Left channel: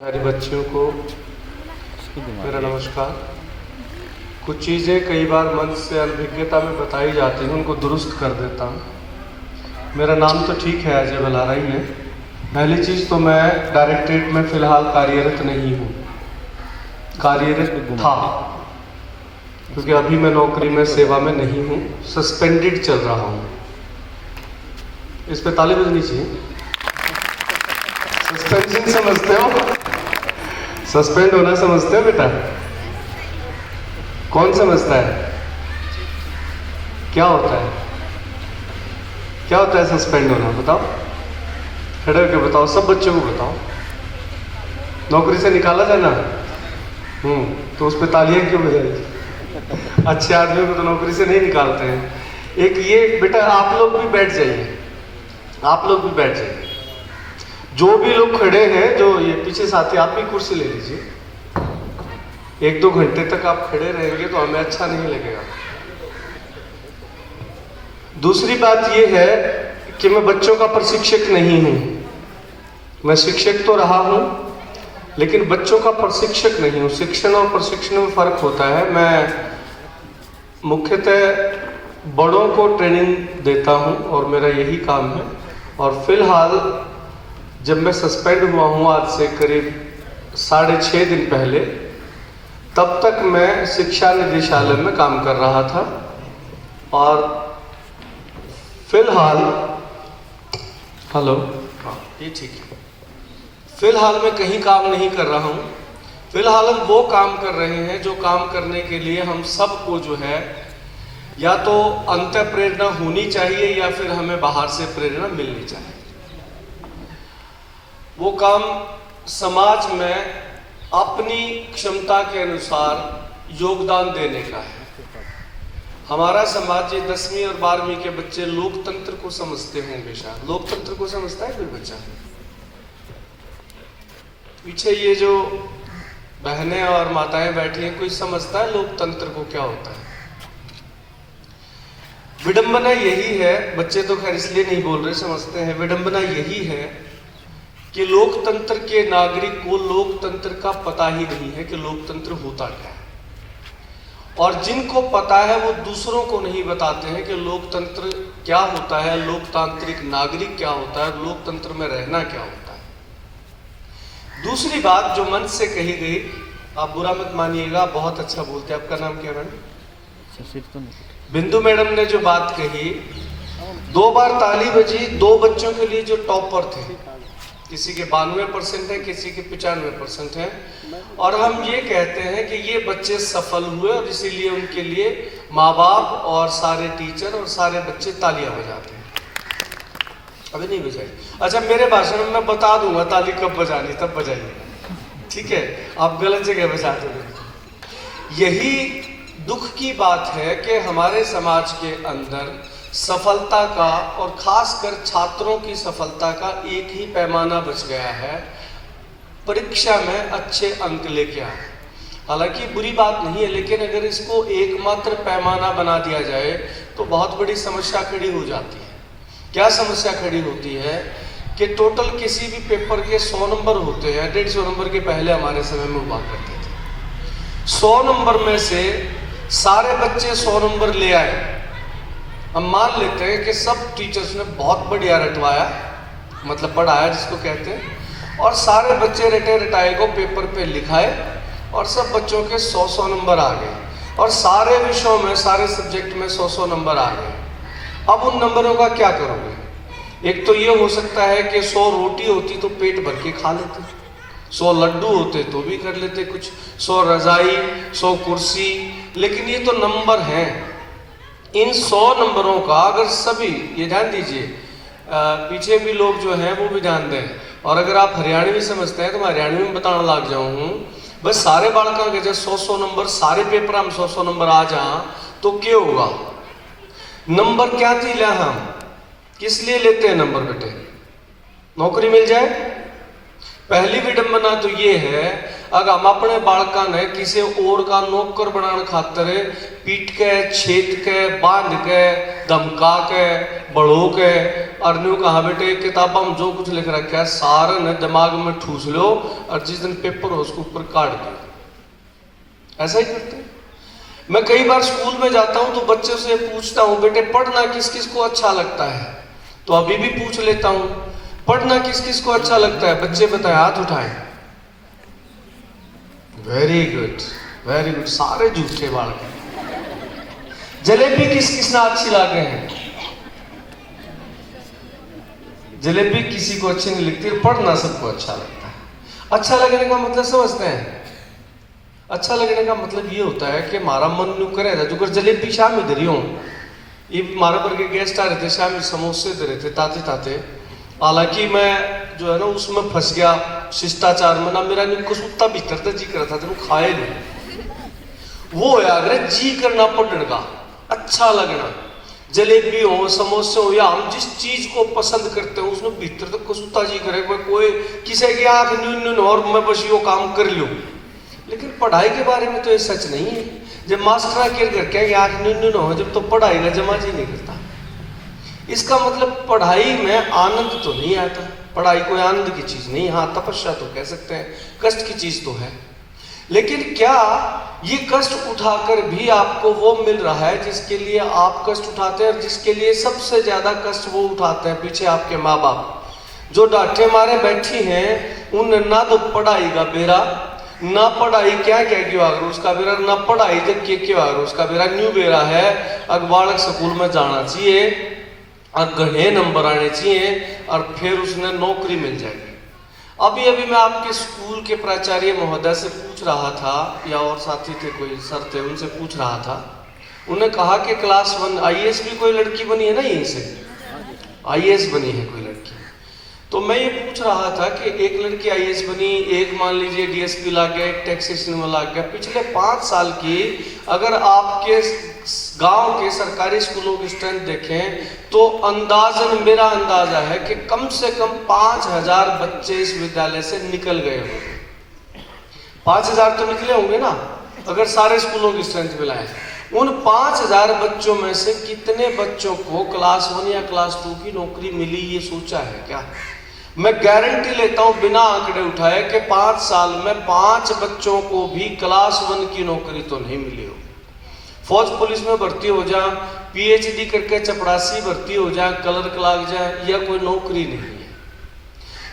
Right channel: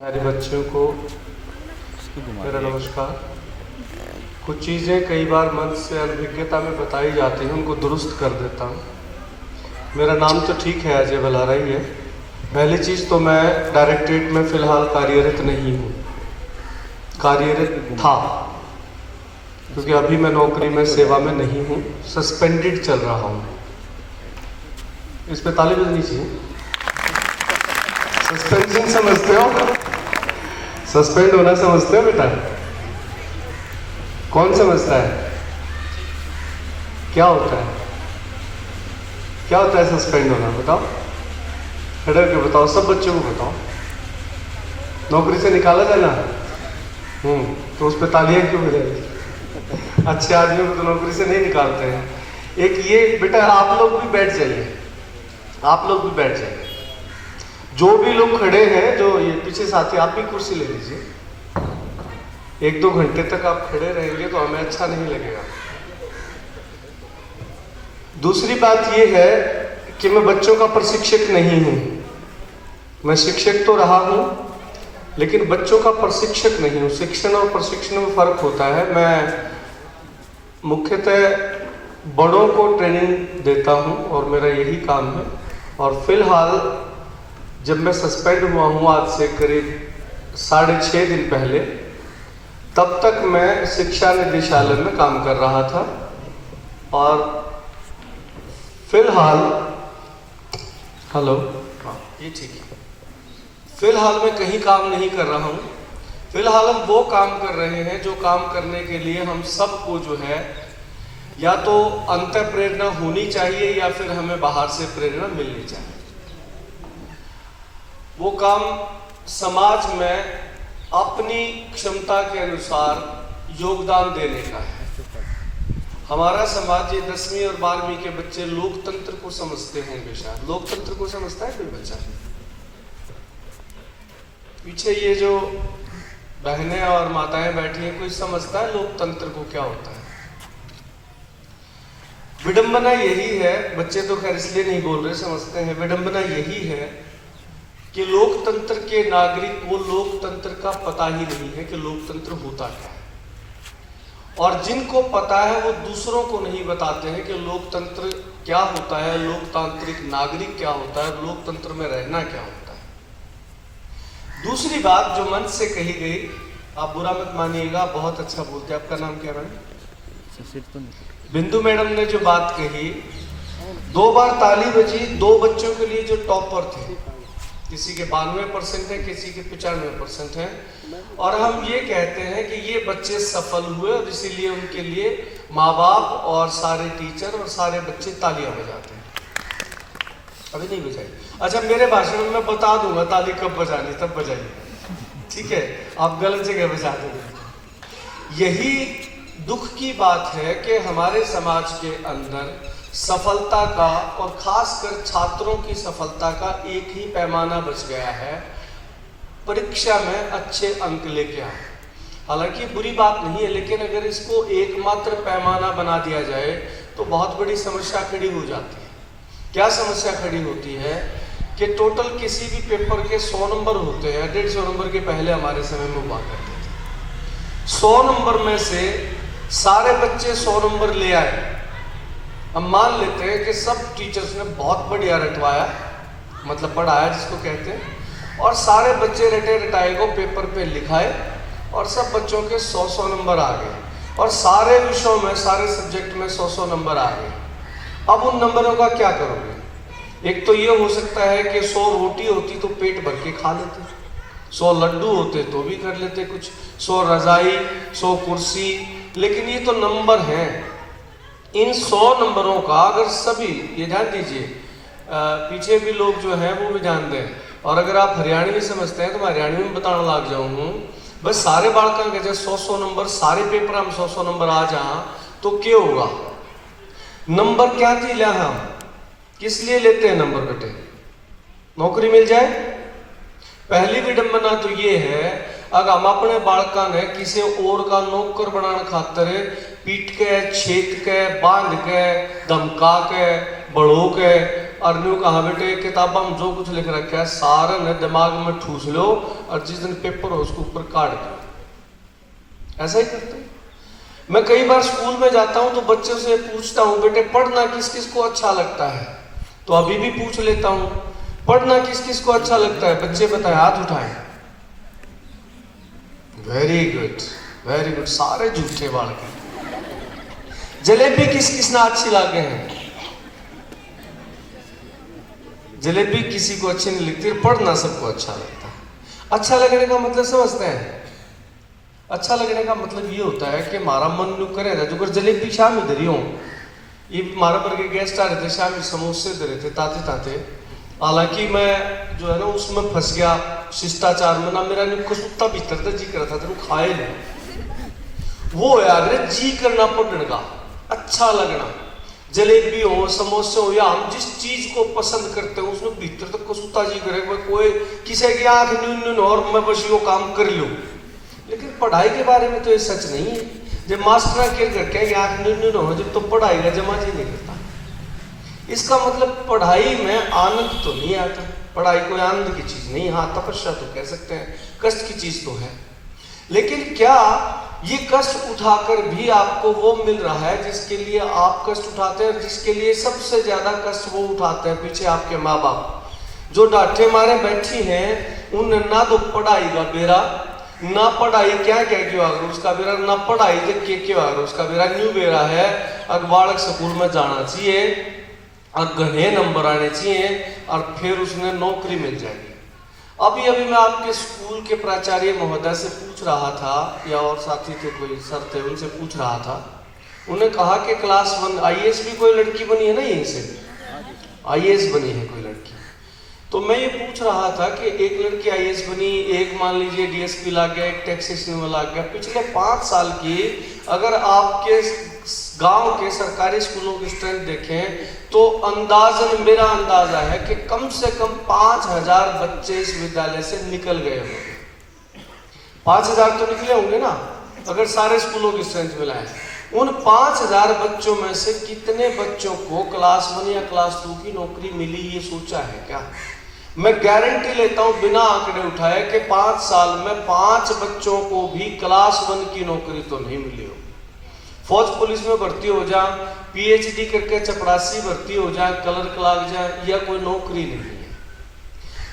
मेरे बच्चों को मेरा नमस्कार। कुछ चीज़ें कई बार मन से अनभिज्ञता में बताई जाती हैं, उनको दुरुस्त कर देता हूँ। मेरा नाम तो ठीक है, अजय बलारा ही है। पहली चीज़ तो मैं डायरेक्टरेट में फ़िलहाल कार्यरत नहीं हूँ, कार्यरत था, क्योंकि अभी मैं नौकरी में सेवा में नहीं हूँ, सस्पेंडेड चल रहा हूँ। इस पर ताली बजनी चाहिए। सस्पेंशन समझते हो? सस्पेंड होना समझते हो बेटा? कौन समझता है? क्या होता है? क्या होता है सस्पेंड होना? बताओ, खड़े होकर बताओ, सब बच्चों को बताओ। नौकरी से निकाला जाना, तो उस पर तालियां क्यों बजाई? अच्छे आदमियों को तो नौकरी से नहीं निकालते हैं। एक ये बेटा, आप लोग भी बैठ जाइए, आप लोग भी बैठ जाइए। जो भी लोग खड़े हैं, जो ये पीछे साथी, आप भी कुर्सी ले लीजिए। 1-2 घंटे तक आप खड़े रहेंगे तो हमें अच्छा नहीं लगेगा। दूसरी बात ये है कि मैं बच्चों का प्रशिक्षक नहीं हूं। मैं शिक्षक तो रहा हूं, लेकिन बच्चों का प्रशिक्षक नहीं हूं। शिक्षण और प्रशिक्षण में फर्क होता है। मैं मुख्यतः बड़ों को ट्रेनिंग देता हूं और मेरा यही काम है। और फिलहाल जब मैं सस्पेंड हुआ हूँ, आज से करीब 6.5 दिन पहले, तब तक मैं शिक्षा निदेशालय में काम कर रहा था। और फिलहाल, हेलो, हाँ ये ठीक है, फिलहाल मैं कहीं काम नहीं कर रहा हूँ। फिलहाल हम वो काम कर रहे हैं जो काम करने के लिए हम सबको जो है या तो अंतः प्रेरणा होनी चाहिए या फिर हमें बाहर से प्रेरणा मिलनी चाहिए। वो काम समाज में अपनी क्षमता के अनुसार योगदान देने का है। हमारा समाज, ये 10वीं और 12वीं के बच्चे लोकतंत्र को समझते होंगे शायद। लोकतंत्र को समझता है कोई बच्चा? पीछे ये जो बहनें और माताएं बैठी हैं, कोई समझता है लोकतंत्र को क्या होता है? विडंबना यही है, बच्चे तो खैर इसलिए नहीं बोल रहे, समझते हैं। विडंबना यही है कि लोकतंत्र के नागरिक को लोकतंत्र का पता ही नहीं है कि लोकतंत्र होता क्या है। और जिनको पता है वो दूसरों को नहीं बताते हैं कि लोकतंत्र क्या होता है, लोकतांत्रिक नागरिक क्या होता है, लोकतंत्र में रहना क्या होता है। दूसरी बात जो मन से कही गई, आप बुरा मत मानिएगा, बहुत अच्छा बोलते हैं। आपका नाम क्या मैडम? बिंदु मैडम ने जो बात कही, 2 बार ताली बजी। 2 बच्चों के लिए जो टॉपर थे, किसी के 92% है, किसी के 95% है। और हम ये कहते हैं कि ये बच्चे सफल हुए और इसीलिए उनके लिए माँ बाप और सारे टीचर और सारे बच्चे तालियां बजाते हैं। अभी नहीं बजाई? अच्छा, मेरे भाषण में मैं बता दूंगा ताली कब बजानी, तब बजाइए, ठीक है? आप गलत जगह बजा दोगे। यही दुख की बात है कि हमारे समाज के अंदर सफलता का और खासकर छात्रों की सफलता का एक ही पैमाना बच गया है, परीक्षा में अच्छे अंक लेके आए। हालांकि बुरी बात नहीं है, लेकिन अगर इसको एकमात्र पैमाना बना दिया जाए तो बहुत बड़ी समस्या खड़ी हो जाती है। क्या समस्या खड़ी होती है कि टोटल किसी भी पेपर के 100 नंबर होते हैं। 150 नंबर के पहले हमारे समय में हुआ करते थे। 100 नंबर में से सारे बच्चे 100 नंबर ले आए। हम मान लेते हैं कि सब टीचर्स ने बहुत बढ़िया रटवाया, मतलब पढ़ाया जिसको कहते हैं, और सारे बच्चे रटे रटाए को पेपर पे लिखाए और सब बच्चों के 100 नंबर आ गए और सारे विषयों में, सारे सब्जेक्ट में 100 नंबर आ गए। अब उन नंबरों का क्या करोगे? एक तो ये हो सकता है कि 100 रोटी होती तो पेट भर के खा लेते, 100 लड्डू होते तो भी कर लेते कुछ, 100 रजाई, 100 कुर्सी। लेकिन ये तो नंबर हैं। इन 100 नंबरों का अगर सभी, ये ध्यान दीजिए, पीछे भी लोग जो हैं वो भी ध्यान दें। और अगर आप हरियाणवी समझते हैं तो मैं हरियाणवी में बताने लग जाऊँ। बस सारे बालकों के जब 100 नंबर, सारे पेपर में 100 नंबर आ जाए तो क्या होगा? नंबर क्या थी लिया, हम किस लिए लेते हैं नंबर बेटे? नौकरी मिल जाए। पहली विडंबना तो ये है, अगर हम अपने बालका ने किसी और का नौकर बनाने खातर पीट के, छेद के, बांध के, धमका के, बढ़ो के और न्यू कहा बेटे किताबा में जो कुछ लिख रखा है सारा ने दिमाग में ठूस लो और जिस दिन पेपर हो उसके ऊपर काट दो। ऐसा ही करते हैं। मैं कई बार स्कूल में जाता हूं तो बच्चों से पूछता हूं बेटे पढ़ना किस किस को अच्छा लगता है, तो अभी भी पूछ लेता हूं पढ़ना किस किस को अच्छा लगता है। बच्चे बताए, हाथ उठाए। वेरी गुड वेरी गुड, सारे झूठे बालक हैं। जलेबी किस किस ना अच्छी लगे हैं? जलेबी किसी को अच्छी नहीं लगती, पढ़ना सबको अच्छा लगता है। अच्छा लगने का मतलब समझते हैं? अच्छा लगने का मतलब ये होता है कि हमारा मन नु करेगा जो कर जलेबी शाम इधर ही हो। ये हमारे पर के गेस्ट आ रहे थे, शाम समोसे दे रहे थे ताते ताते। हालांकि मैं जो है ना उसमें फंस गया शिष्टाचार में ना, मेरा कुत्ता भीतर था जी कर था तो खाए नहीं। वो यार जी करना पढ़ने का अच्छा लगना, जलेबी हो समोसे हो या हम जिस चीज को पसंद करते हैं उसमें भीतर तक कुत्ता जी करे। कोई किसी की आंख न्यून और मैं बस यो काम कर लूं। लेकिन पढ़ाई के बारे में तो ये सच नहीं है। जब मास्टर आके घर के आंख न्यून हो जब तो पढ़ाई का जमा जी नहीं करता। इसका मतलब पढ़ाई में आनंद तो नहीं आता। पढ़ाई कोई आनंद की चीज नहीं। हाँ तपस्या तो कह सकते हैं, कष्ट की चीज तो है। लेकिन क्या ये कष्ट उठाकर भी आपको वो मिल रहा है जिसके लिए आप कष्ट उठाते हैं? और जिसके लिए सबसे ज्यादा कष्ट वो उठाते हैं पीछे आपके माँ बाप, जो डांटे मारे बैठी हैं। उन ना तो पढ़ाई का बेरा, ना पढ़ाई क्या कह क्यों आगर उसका बेरा, ना पढ़ाई देख के क्यों आगर उसका बेरा। न्यू बेरा है अब बालक स्कूल में जाना चाहिए और गढ़े नंबर आने चाहिए और फिर उसने नौकरी मिल जाएगी। अभी अभी मैं आपके स्कूल के प्राचार्य महोदय से पूछ रहा था, या और साथी थे कोई सर थे, उनसे पूछ रहा था। उन्होंने कहा कि क्लास 1 आईएएस भी कोई लड़की बनी है ना, यहीं से आईएएस बनी है कोई लड़की। तो मैं ये पूछ रहा था कि एक लड़की आईएएस बनी, एक मान लीजिए डीएसपी ला गया, एक टैक्सेशन में ला गया। पिछले 5 साल की अगर आपके गांव के सरकारी स्कूलों की स्ट्रेंथ देखें तो अंदाजन मेरा अंदाजा है कि कम से कम 5000 बच्चे इस विद्यालय से निकल गए होंगे। 5000 तो निकले होंगे ना अगर सारे स्कूलों की स्ट्रेंथ मिलाएं। उन 5000 बच्चों में से कितने बच्चों को क्लास 1 या क्लास 2 की नौकरी मिली, ये सोचा है क्या? मैं गारंटी लेता हूं बिना आंकड़े उठाए कि 5 साल में 5 बच्चों को भी क्लास 1 की नौकरी तो नहीं मिली हो। फौज पुलिस में भर्ती हो जाए, पीएचडी करके चपरासी भर्ती हो जाए, क्लर्क लग जाए, या कोई नौकरी नहीं है।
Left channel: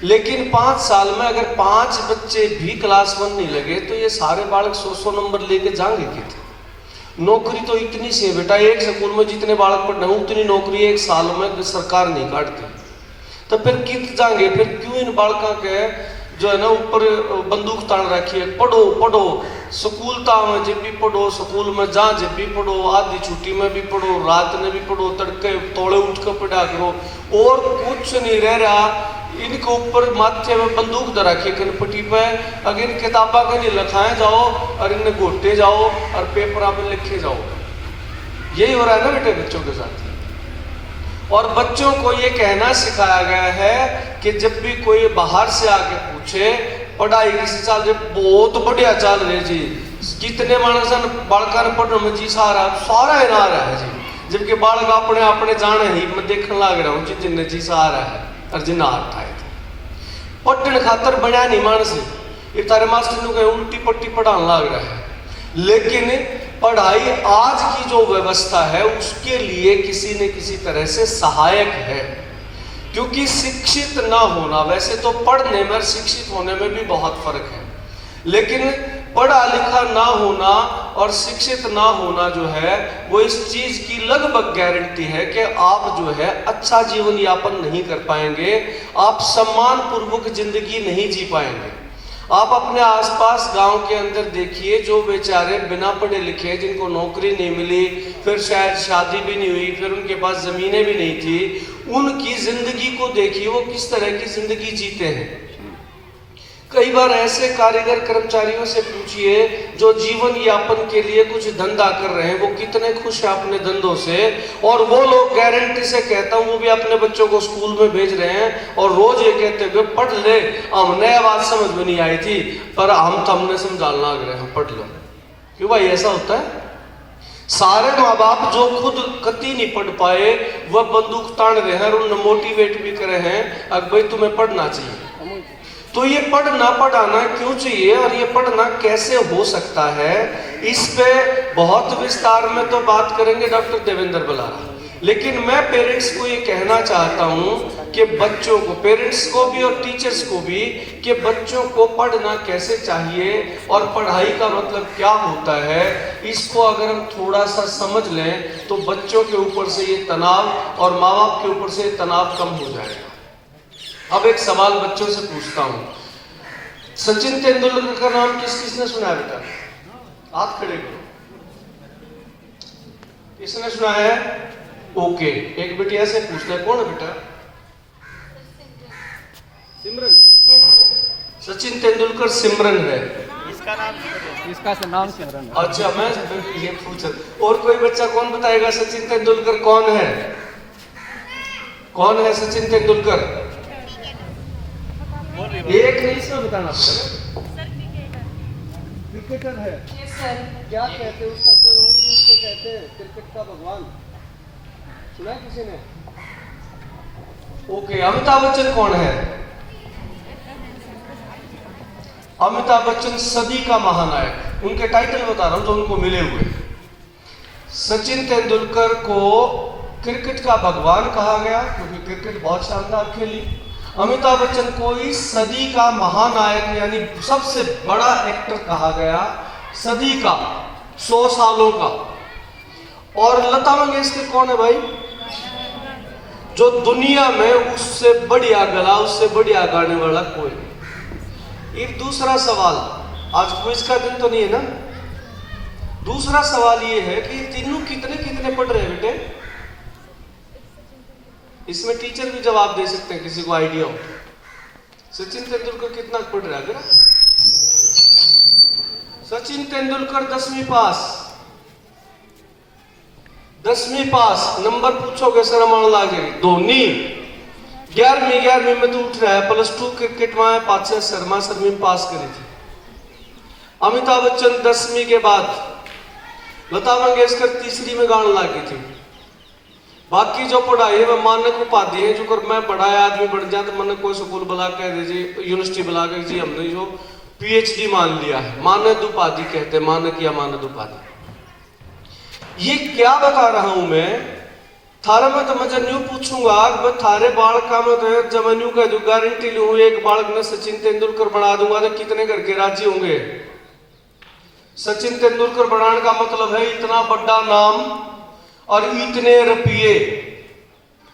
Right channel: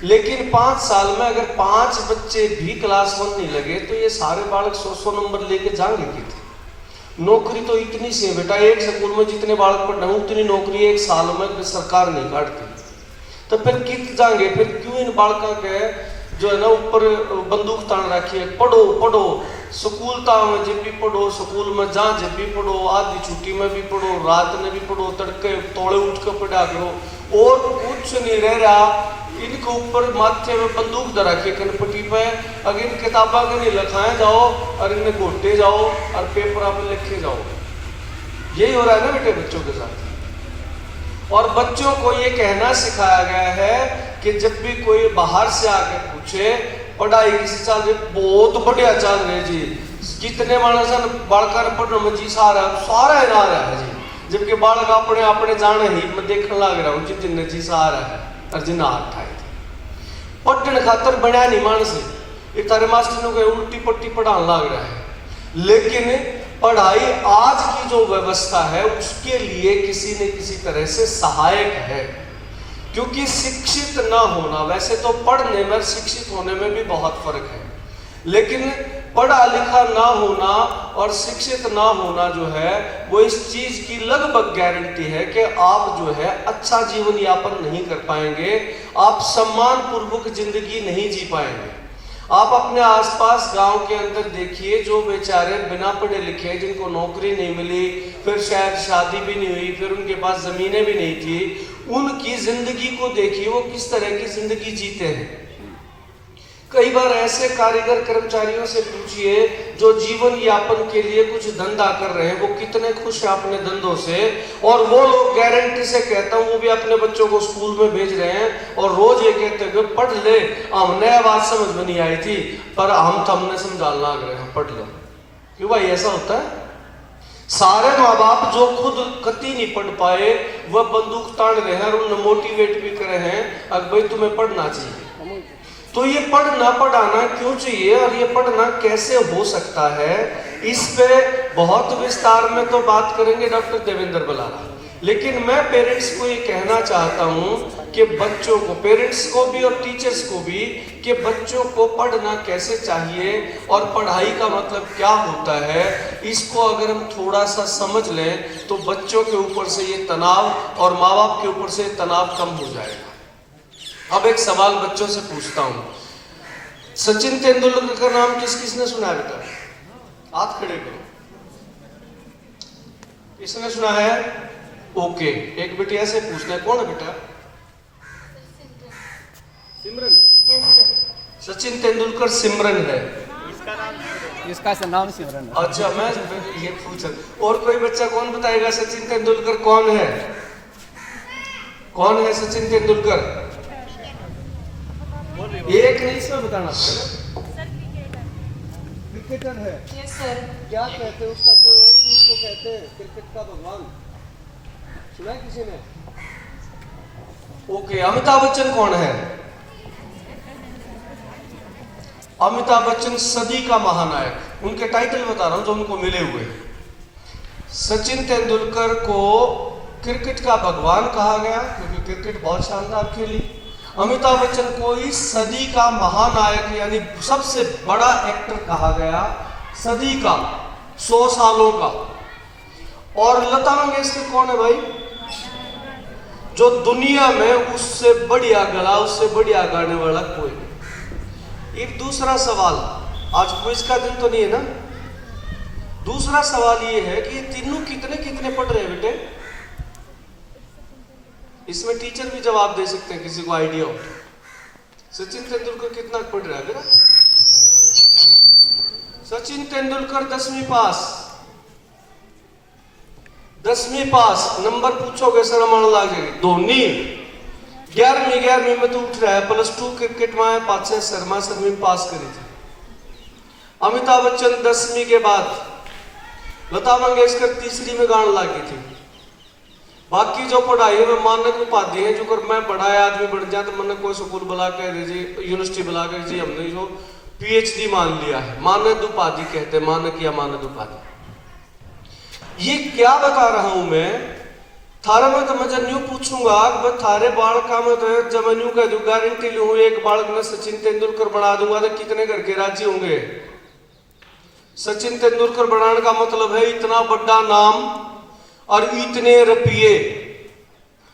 लेकिन 5 साल में अगर 5 बच्चे भी क्लास 1 नहीं लगे तो ये सारे बालक 100 नंबर लेके जाएंगे कितने? नौकरी तो इतनी सी है बेटा, एक स्कूल में जितने बालक पढ़ना उतनी नौकरी एक साल में सरकार नहीं काटती। तो फिर कित जाएंगे? फिर क्यों इन बालकों के जो है ना ऊपर बंदूक तान रखी है, पढ़ो पढ़ो, स्कूल में जब भी पढ़ो, स्कूल में जहाँ जब भी पढ़ो, आधी छुट्टी में भी पढ़ो, रात में भी पढ़ो, तड़के तोड़े उठ कर पढ़ा करो, और कुछ नहीं रह रहा। इनके ऊपर माथे में बंदूक दे रखी है कनपट्टी पे, अगर इन किताबा का नहीं लिखाए जाओ और इन्हें घोटे जाओ और पेपर पे लिखे जाओ। यही हो रहा है ना बेटे बच्चों के साथ। और बच्चों को ये कहना सिखाया गया है कि जब भी कोई बाहर से आके पूछे पढ़ाई किसी चल रही, बहुत बढ़िया चल रही जी, कितने मानस बालका ने पढ़ने में जी सारा ना रहा है जी, जबकि बालक अपने अपने जाने ही मैं देखने लग रहा हूँ जितने जी सारा है और जिन्ना उठाए थे पढ़ने खातर बना नहीं मानस, ये तारे मास्टर को उल्टी पट्टी पढ़ाने लग रहा है। लेकिन पढ़ाई आज की जो व्यवस्था है उसके लिए किसी न किसी तरह से सहायक है, क्योंकि शिक्षित ना होना, वैसे तो पढ़ने में शिक्षित होने में भी बहुत फर्क है, लेकिन पढ़ा लिखा ना होना और शिक्षित ना होना जो है वो इस चीज की लगभग गारंटी है कि आप जो है अच्छा जीवन यापन नहीं कर पाएंगे, आप सम्मान पूर्वक जिंदगी नहीं जी पाएंगे। आप अपने आसपास गांव के अंदर देखिए, जो बेचारे बिना पढ़े लिखे जिनको नौकरी नहीं मिली, फिर शायद शादी भी नहीं हुई, फिर उनके पास जमीनें भी नहीं थी, उनकी जिंदगी को देखिए वो किस तरह की जिंदगी जीते हैं। कई बार ऐसे कारीगर कर्मचारियों से पूछिए जो जीवन यापन के लिए कुछ धंधा कर रहे हैं, वो कितने खुश हैं अपने धंधों से, और वो लोग गारंटी से कहता हूँ वो भी अपने बच्चों को स्कूल में भेज रहे हैं और रोज ये कहते हुए पढ़ ले, हमने बात समझ में नहीं आई थी पर हमने समझाना लग रहे हैं, पढ़ ले। क्यों भाई ऐसा होता है? सारे माँ बाप जो खुद कति नहीं पढ़ पाए वह बंदूक तान रहे हैं और उन्हें मोटिवेट भी करे हैं अब भाई तुम्हें पढ़ना चाहिए। तो ये पढ़ना पढ़ाना क्यों चाहिए और ये पढ़ना कैसे हो सकता है, इस पे बहुत विस्तार में तो बात करेंगे डॉक्टर देवेंद्र बलारा। लेकिन मैं पेरेंट्स को ये कहना चाहता हूँ कि बच्चों को, पेरेंट्स को भी और टीचर्स को भी, कि बच्चों को पढ़ना कैसे चाहिए और पढ़ाई का मतलब क्या होता है, इसको अगर हम थोड़ा सा समझ लें तो बच्चों के ऊपर से ये तनाव और माँ बाप के ऊपर से तनाव कम हो जाएगा। अब एक सवाल बच्चों से पूछता हूँ, सचिन तेंदुलकर का नाम किस किसने सुना है बेटा? हाथ खड़े करो। किसने सुना है? ओके, एक बेटिया से पूछना है, कौन है बेटा? सिमरन। सचिन तेंदुलकर सिमरन है, इसका नाम सिमरन। अच्छा, मैं ये पूछा। और कोई बच्चा कौन बताएगा सचिन तेंदुलकर कौन है? कौन है सचिन तेंदुलकर? एक नहीं, इसमें बताना पड़ेगा। क्रिकेटर है। क्या कहते हैं उसका, कोई और भी उसको कहते हैं क्रिकेट का भगवान, सुना है किसी ने? ओके, अमिताभ बच्चन कौन है? अमिताभ बच्चन सदी का महानायक, उनके टाइटल बता रहा हूं जो उनको मिले हुए। सचिन तेंदुलकर को क्रिकेट का भगवान कहा गया क्योंकि क्रिकेट बहुत शानदार खेली। अमिताभ बच्चन को इस सदी का महानायक यानी सबसे बड़ा एक्टर कहा गया, सदी का, 100 सालों का। और लता मंगेशकर कौन है भाई? जो दुनिया में उससे बढ़िया गला, उससे बढ़िया गाने वाला कोई नहीं। एक दूसरा सवाल, आज क्विज का दिन तो नहीं है ना? दूसरा सवाल ये है कि तीनों कितने कितने पढ़ रहे हैं बेटे? इसमें टीचर भी जवाब दे सकते हैं, किसी को आइडिया हो। सचिन तेंदुलकर कितना पढ़ रहा है? सचिन तेंदुलकर 10वीं पास। 10वीं पास। नंबर पूछोगे शर्म आने लगेगी। धोनी 11वीं में तो उठ रहा है, +2 क्रिकेट में है, 5 शर्मा 7वीं पास करी थी। अमिताभ बच्चन 10वीं के बाद, लता मंगेशकर 3री में गाने लगी थी। बाकी जो पढ़ाई है मानक उपाधि है, जो कर मैं बड़ा आदमी बढ़ जाए तो मैंने कोई स्कूल बुला के जी, यूनिवर्सिटी बुला के जी हमने जो PhD मान लिया है, मानद उपाधि कहते हैं, मानक या मानद उपाधि। ये क्या बता रहा हूं मैं थारे में, तो मैं जब न्यू पूछूंगा थारे बालक का मैं तो जब मैं न्यू कह दूं गारंटी लूं एक बालक में सचिन तेंदुलकर बना दूंगा तो कितने घर के राजी होंगे? सचिन तेंदुलकर बनाने का मतलब है इतना बड़ा नाम और इतने रुपये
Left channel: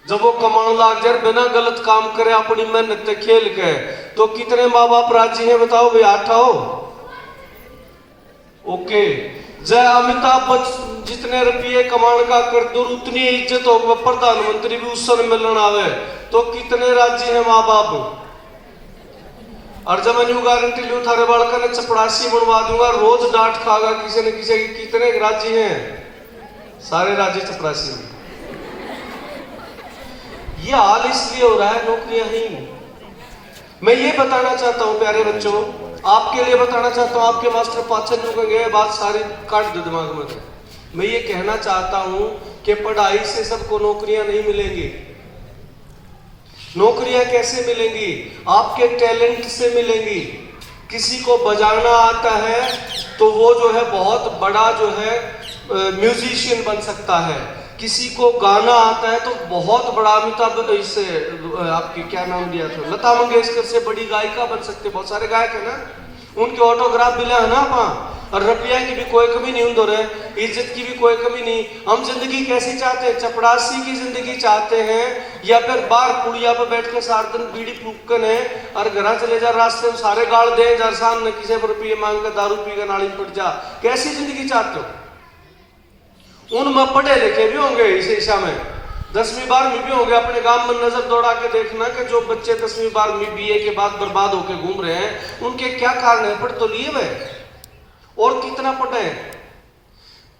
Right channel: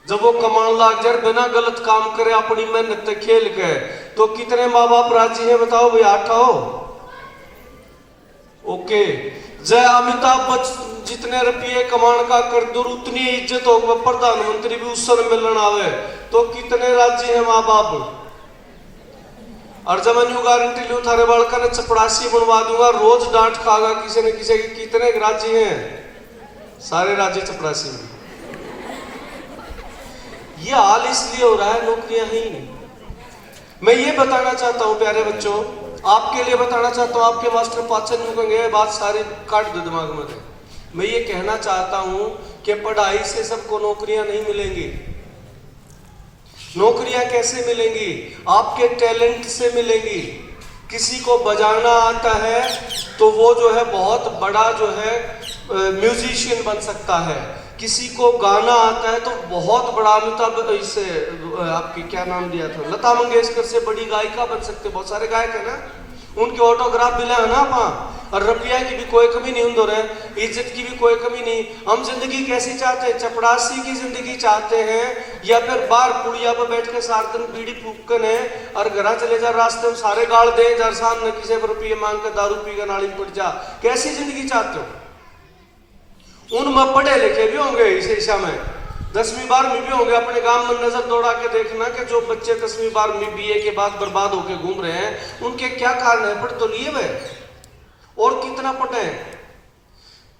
जब वो कमान लाग जाए बिना गलत काम करे अपनी मेहनत खेल के, तो कितने माँ बाप राजी हैं बताओ भाई? 8 हो। ओके, जय अमिताभ बच्चन जितने रुपये कमान का कर दो उतनी इज्जत हो, प्रधानमंत्री भी उस समय मिलन आवे तो कितने राजी हैं माँ बाप? और जब मैं गारंटी लूं थारे बालका ने चपड़ासी बनवा दूंगा, रोज डांट खागा किसी न किसी, कितने राजी हैं? सारे राज्य चपरासी में। ये हाल इसलिए हो रहा है नौकरियां नहीं। मैं ये बताना चाहता हूं प्यारे बच्चों, आपके लिए बताना चाहता हूं, आपके मास्टर पाचन जो गए बात सारी काट दो दिमाग में। मैं ये कहना चाहता हूं कि पढ़ाई से सबको नौकरियां नहीं मिलेंगी। नौकरियां कैसे मिलेंगी? आपके टैलेंट से मिलेंगी। किसी को बजाना आता है तो वो जो है बहुत बड़ा जो है म्यूजिशियन बन सकता है। किसी को गाना आता है तो बहुत बड़ा, अमिताभ इससे आपकी क्या नाम दिया था, लता मंगेशकर से बड़ी गायिका बन सकते। बहुत सारे गायक है ना, उनके ऑटोग्राफ मिला है ना आप। और रुपया की भी कोई कमी नहीं हो रहे, इज्जत की भी कोई कमी नहीं। हम जिंदगी कैसी चाहते हैं? चपड़ासी की जिंदगी चाहते हैं या फिर बाहर पुड़िया पर बैठ के सारा दिन बीड़ी फूकन है और घर चले जा, रास्ते में सारे गाड़ दे जा, सामने किसी पर रुपये मांग कर दारू पी कर नाली पड़ जा? कैसी जिंदगी चाहते हो? उनमें पढ़े लिखे भी होंगे इस ईशा में, 10वीं 12वीं भी होंगे। अपने गांव में नजर दौड़ा के देखना कि जो बच्चे 10वीं 12वीं BA के बाद बर्बाद होकर घूम रहे हैं, उनके क्या कारण है? पढ़ तो लिए वे और कितना पढ़े हैं?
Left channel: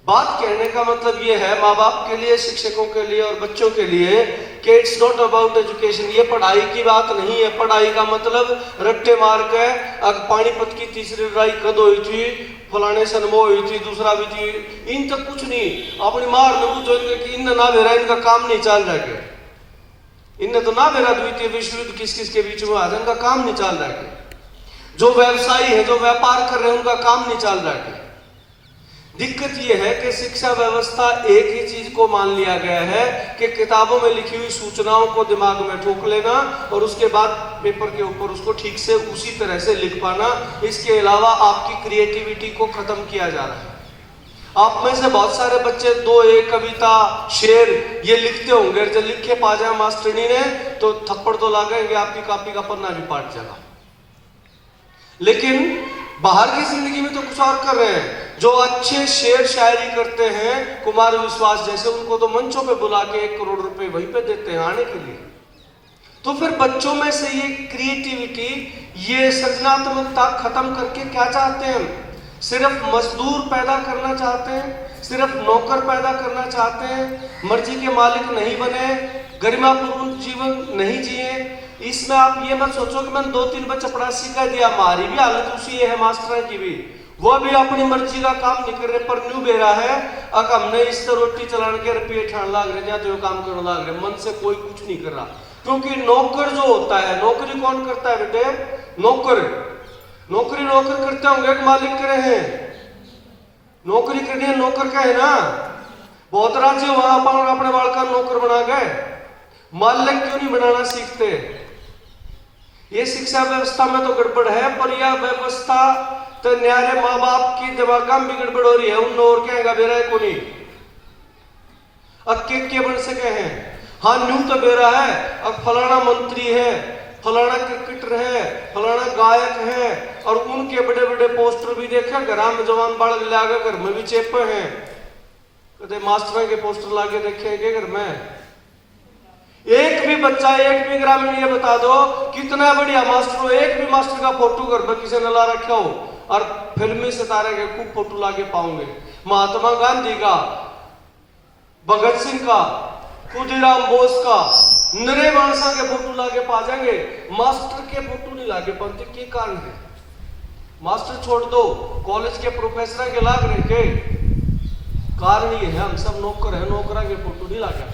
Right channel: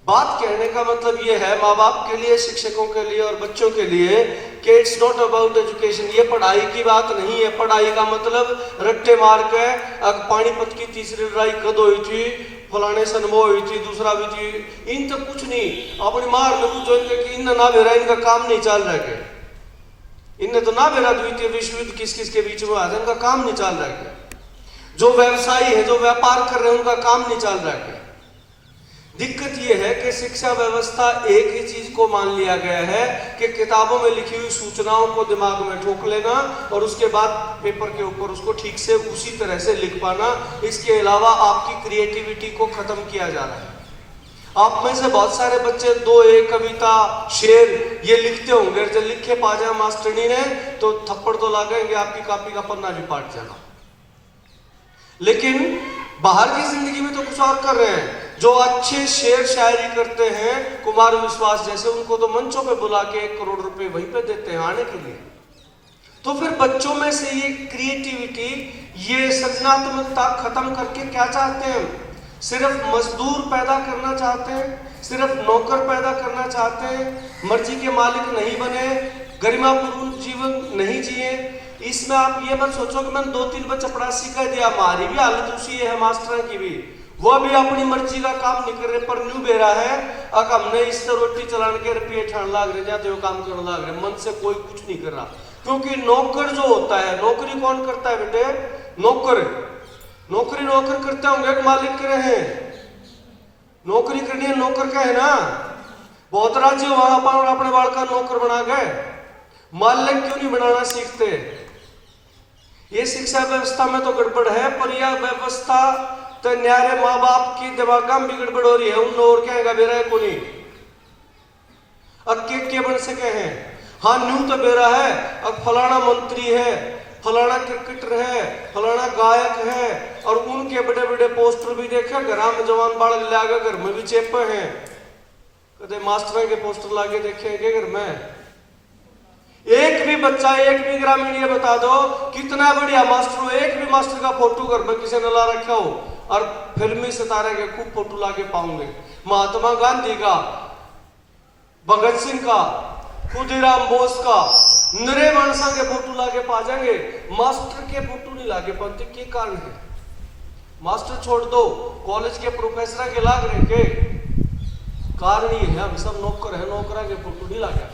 बात कहने का मतलब ये है माँ बाप के लिए, शिक्षकों के लिए और बच्चों के लिए कि इट्स नॉट अबाउट एजुकेशन। ये पढ़ाई की बात नहीं है। पढ़ाई का मतलब रट्टे मार के अब पानीपत की तीसरी लड़ाई कद हुई थी, फलाने सन वो हुई थी, दूसरा भी थी, इन तो कुछ नहीं। अपनी मार ने पूछो कि इन ना भेरा, इनका काम नहीं चल रहा है। इनने तो ना भेरा द्वितीय विश्व युद्ध किस किस के बीच में आया, इनका काम नहीं चल रहा है। जो व्यवसायी है, जो व्यापार कर रहे हैं, उनका काम नहीं चल रहा है। दिक्कत यह है कि शिक्षा व्यवस्था एक ही चीज को मान लिया गया है कि किताबों में लिखी हुई सूचनाओं को दिमाग में ठोक लेना और उसके बाद पेपर के ऊपर उसको ठीक से उसी तरह से लिख पाना। इसके अलावा आपकी क्रिएटिविटी को खत्म किया जा रहा है। आप में से बहुत सारे बच्चे दो एक कविता, शेर ये लिखते होंगे, जब लिखे पा जाए मास्टरनी ने तो थप्पड़ तो लागेंगे, आपकी कॉपी का पन्ना भी पाट जाएगा। लेकिन बाहर की जिंदगी में तो कुछ और कर रहे हैं। जो अच्छे शेर शायरी करते हैं, कुमार विश्वास जैसे, उनको तो मंचों पे बुला के 1 करोड़ रुपए वहीं पे देते हैं आने के लिए। तो फिर बच्चों में से ये क्रिएटिविटी, ये सृजनात्मकता खत्म करके क्या चाहते हैं हम? सिर्फ मजदूर पैदा करना चाहते हैं, सिर्फ नौकर पैदा करना चाहते हैं, मर्जी के मालिक नहीं बने, गरिमापूर्ण जीवन नहीं जिए। इसमें आप ये मत सोचो कि मैंने 2-3 बच्चे पढ़ा सिखा दिया, हमारी भी हालत उसी है, मास्टर की भी, वो भी अपनी मर्जी का काम नहीं कर रहे, पर न्यू बेरा है अगर हमने इससे रोटी चलाने के रुपये ठान लाग रहे, जाते काम करने लाग रहे, मन से कोई कुछ नहीं कर रहा। क्योंकि नौकर जो होता है, नौकरी कौन करता है बेटे? नौकर। नौकरी नौकर करते होंगे कि मालिक करे हैं? नौकरी करनी है, नौकर का है ना। बहुत राज्य वहां अपने बाल का नौकर बना गए, मालिक क्यों नहीं बनाना सीखते? ये शिक्षा व्यवस्था में तो गड़बड़ है, पर यह व्यवस्था तो न्यारे माँ बाप की दिमाग में भी गड़बड़ हो रही है। उन और क्या बेरा है कोनी अब के बन सके हैं। हाँ न्यू तो बेरा है, अब फलाना मंत्री है, फलाना क्रिकेटर है, फलाना गायक है, और उनके बड़े बड़े पोस्टर भी देखे, घर में जवान बाढ़ लागे, घर में भी चेपे हैं। कदे मास्टर के पोस्टर लाके देखे घर में? एक भी बच्चा, एक भी ग्रामीण ये बता दो कितना बढ़िया मास्टर हो, एक भी मास्टर का फोटो घर पर किसी ने ला रखा हो? और फिल्मी सितारे के खूब फोटो लाके पाओगे। महात्मा गांधी का, भगत सिंह का, खुदीराम बोस का, नरे मानसा के फोटो लाके पा जाएंगे, मास्टर के फोटो नहीं लाके पाते। क्या कारण है? मास्टर छोड़ दो, कॉलेज के प्रोफेसर के लाग रहे के कारण ये है हम सब नौकर है, नौकरा के फोटो नहीं लाके।